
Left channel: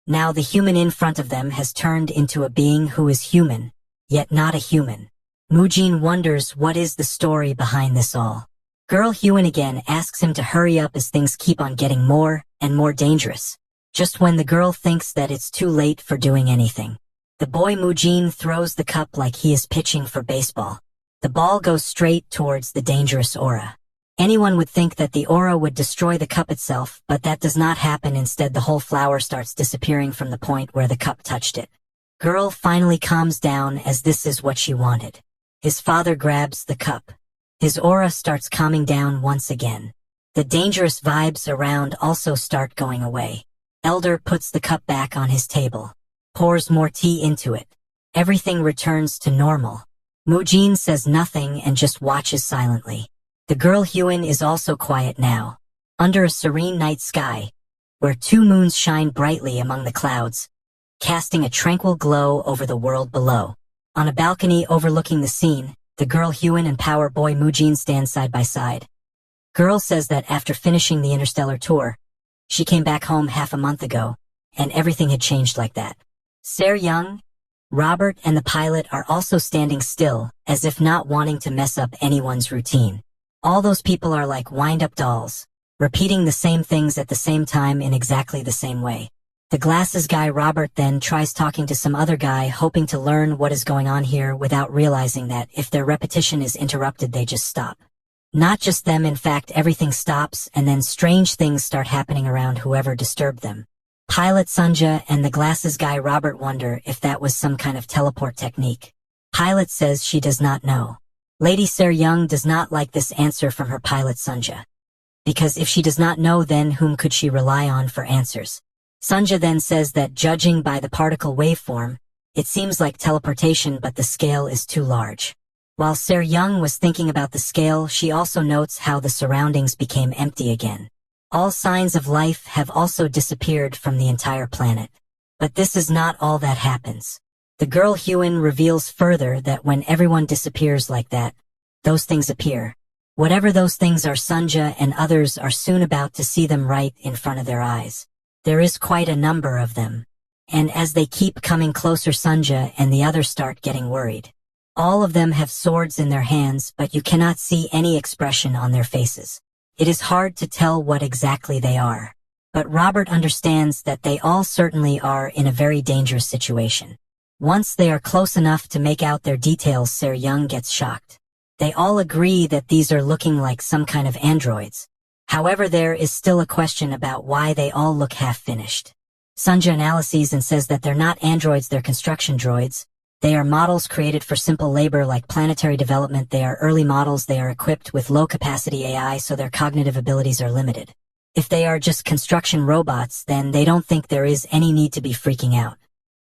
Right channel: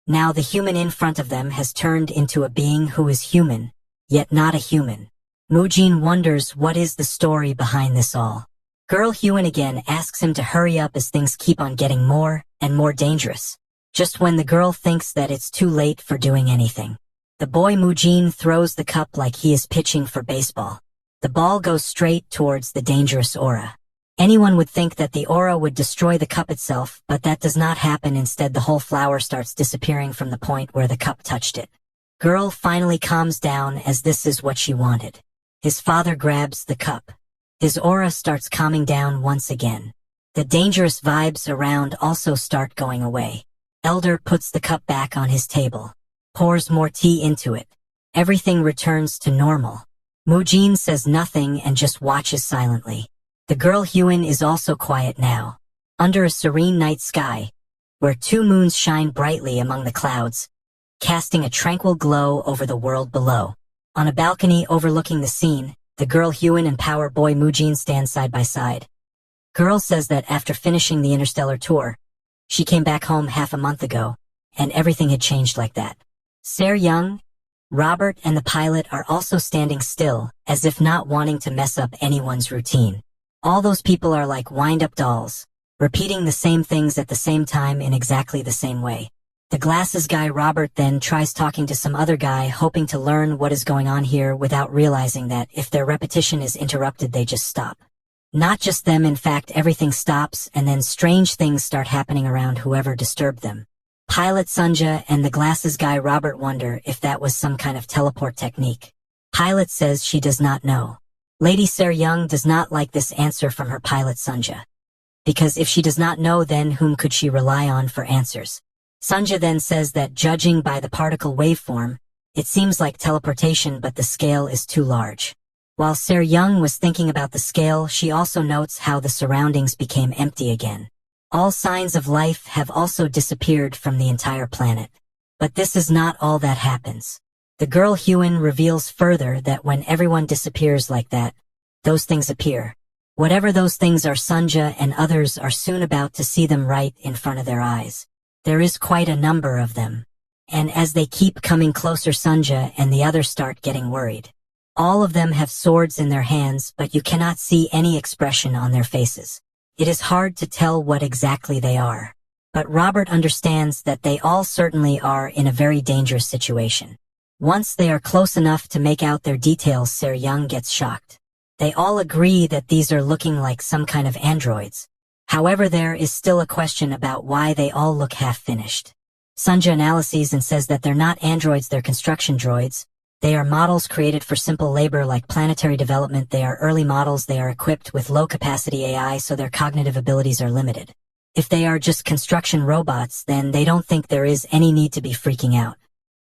Now the human in front of them has turned into a being who is human, yet not a human. Moojin wonders what is the story behind this all. Girl Hyun again asks him to hurry up as things keep on getting more and more dangerous. Just when the girl thinks that it's too late for doing anything, the boy Moojin throws the cup like he is pitching for baseball. The ball goes straight towards the dangerous aura. Anyone would think that the aura would destroy the cup itself, but that does not happen. Instead, the whole flower starts disappearing from the point where the cup touched it. Girl finally calms down, as this is what she wanted. His father grabs the cup. His aura starts calming down once again. The dangerous vibes around also start going away. Elder puts the cup back on his table, pours more tea into it. Everything returns to normal. Mujin says nothing and just watches silently. The girl Huan is also quiet now. Under a serene night sky, where 2 moons shine brightly among the clouds, casting a tranquil glow over the world below. On a balcony overlooking the scene, the girl Huan and Power Boy Mujin stand side by side. Girl says that after finishing the interstellar tour, she came back home half a month ago, and everything had changed like that. Ser Young, Robert and the pilot are also standing still, as if not wanting to mess up anyone's routine. All those people are like wind-up dolls, repeating the same things at the same time in exactly the same way. The glasses guy Robert then tries talking to some other guy, hoping to learn what is going on here without realizing that if their repetition is interrupted they just stop. Not just them, in fact everything stops, and then strange things start happening around whoever disturbed them. Pilot Sunja and the glasses guy Robert wonder if that was some kind of teleport technique. Pilot says she does not know. Lady Ser Young does not like this answer from her pilot Sunja. Because if she does not know, then whom could she rely on for answers? Sunja then says that judging by the particle waveform, it seems like teleportation, but the scale is too large. While Ser Young was thinking about the scale, she also notes how the surroundings became empty again. All signs of life have also disappeared from the entire planet. But this is not all that happens. The girl Huan reveals further that when everyone disappears like that, those things appear. Whatever those things are, Sunja and others are soon about to see them right in front of their eyes. There is quite a number of them. And as they keep coming closer, Sunja and the others start getting worried. All of them have swords in their hands, but you cannot see any expression on their faces. It is hard to tell what exactly they are. But Robert understands that they all certainly are in a very dangerous situation. Once they are close enough to make out their details, Ser Young gets shocked. They all agree that these are looking like some kind of androids. However, there is still a question about why they all look half-finished. Sunja analyzes and says that they're not androids, they're construction droids. They are models created for simple labor like planetary development. They are early models. They are equipped with low-capacity AI, so their cognitive abilities are limited. If they are just construction robots, then they don't think there is any need to be freaking out.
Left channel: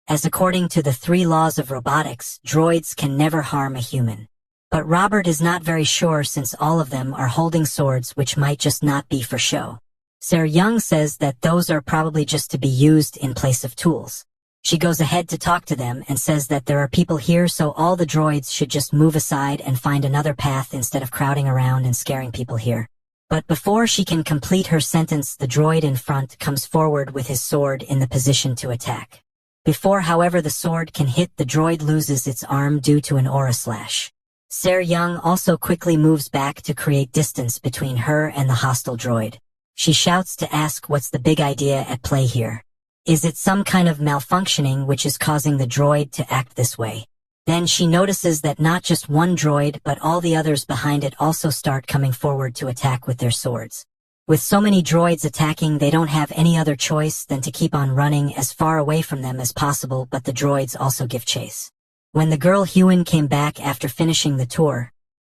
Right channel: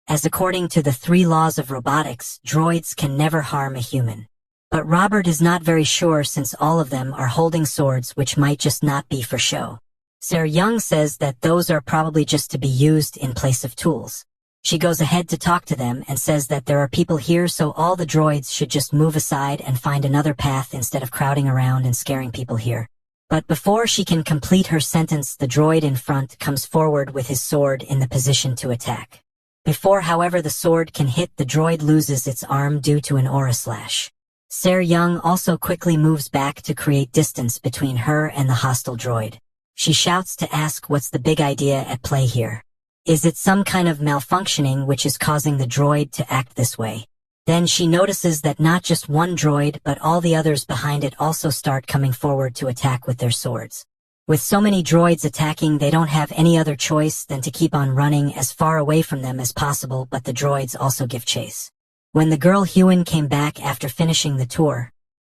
As according to the 3 laws of robotics, droids can never harm a human. But Robert is not very sure, since all of them are holding swords which might just not be for show. Ser Young says that those are probably just to be used in place of tools. She goes ahead to talk to them and says that there are people here, so all the droids should just move aside and find another path instead of crowding around and scaring people here. But before she can complete her sentence, the droid in front comes forward with his sword in the position to attack. Before, however, the sword can hit, the droid loses its arm due to an aura slash. Ser Young also quickly moves back to create distance between her and the hostile droid. She shouts to ask what's the big idea at play here. Is it some kind of malfunctioning which is causing the droid to act this way? Then she notices that not just one droid but all the others behind it also start coming forward to attack with their swords. With so many droids attacking, they don't have any other choice than to keep on running as far away from them as possible, but the droids also give chase. When the girl Huan came back after finishing the tour,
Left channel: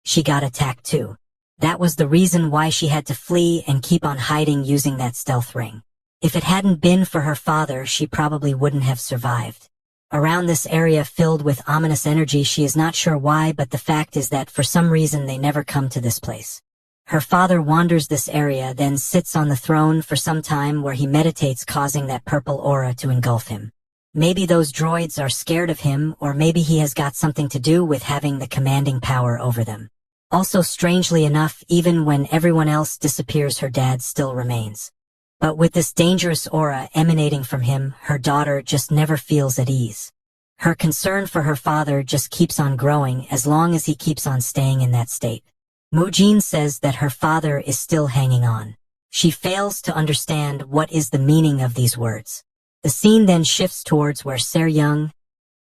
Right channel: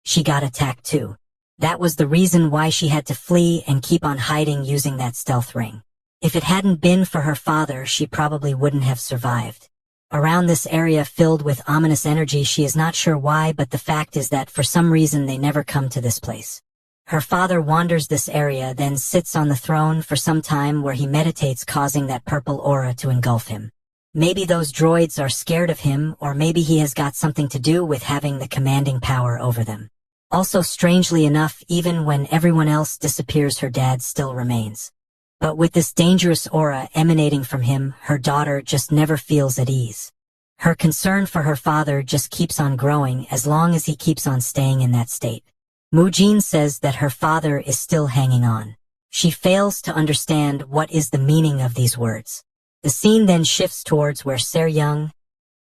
she got attacked too. That was the reason why she had to flee and keep on hiding using that stealth ring. If it hadn't been for her father, she probably wouldn't have survived. Around this area filled with ominous energy, she is not sure why, but the fact is that for some reason they never come to this place. Her father wanders this area, then sits on the throne for some time where he meditates, causing that purple aura to engulf him. Maybe those droids are scared of him, or maybe he has got something to do with having the commanding power over them. Also, strangely enough, even when everyone else disappears, her dad still remains. But with this dangerous aura emanating from him, her daughter just never feels at ease. Her concern for her father just keeps on growing as long as he keeps on staying in that state. Mujin says that her father is still hanging on. She fails to understand what is the meaning of these words. The scene then shifts towards where Ser Young,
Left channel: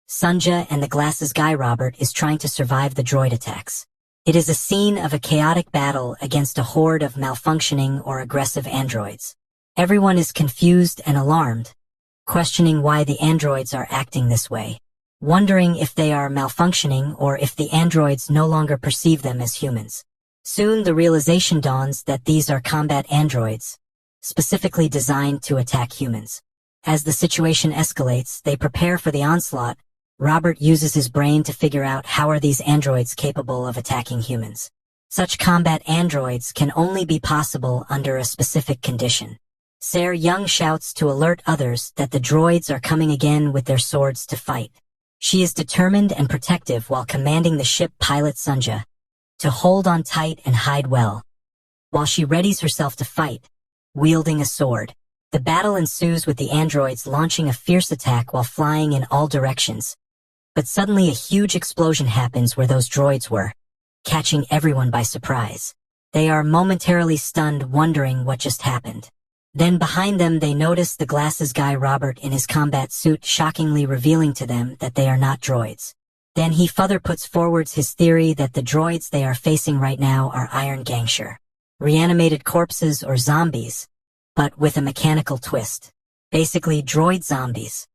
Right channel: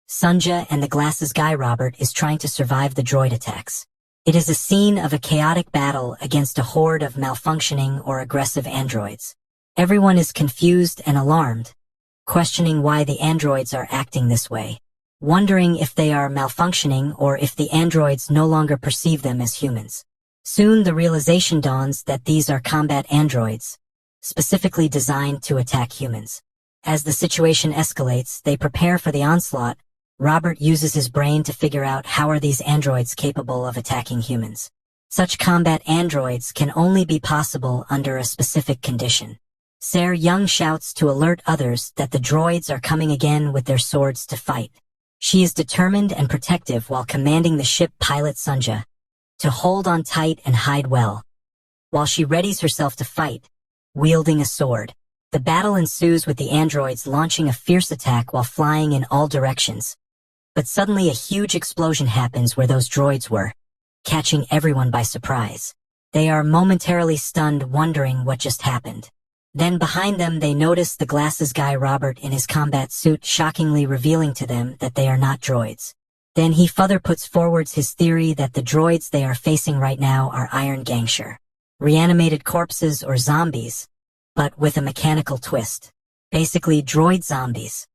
Sunja and the glasses guy Robert is trying to survive the droid attacks. It is a scene of a chaotic battle against a horde of malfunctioning or aggressive androids. Everyone is confused and alarmed, questioning why the androids are acting this way, wondering if they are malfunctioning or if the androids no longer perceive them as humans. Soon the realization dawns that these are combat androids, specifically designed to attack humans. As the situation escalates, they prepare for the onslaught. Robert uses his brain to figure out how are these androids capable of attacking humans. Such combat androids can only be possible under a specific condition. Sarah Young shouts to alert others that the droids are coming again with their swords to fight. She is determined and protective while commanding the ship pilot Sunja to hold on tight and hide well, while she readies herself to fight, wielding a sword. The battle ensues with the androids launching a fierce attack while flying in all directions. But suddenly a huge explosion happens where those droids were, catching everyone by surprise. They are momentarily stunned, wondering what just happened. Then behind them they notice the glasses guy Robert in his combat suit, shockingly revealing to them that they are not droids. Then he further puts forwards his theory that the droids they are facing right now are Iron Gangshur, reanimated corpses or zombies, but with a mechanical twist. Basically droid zombies.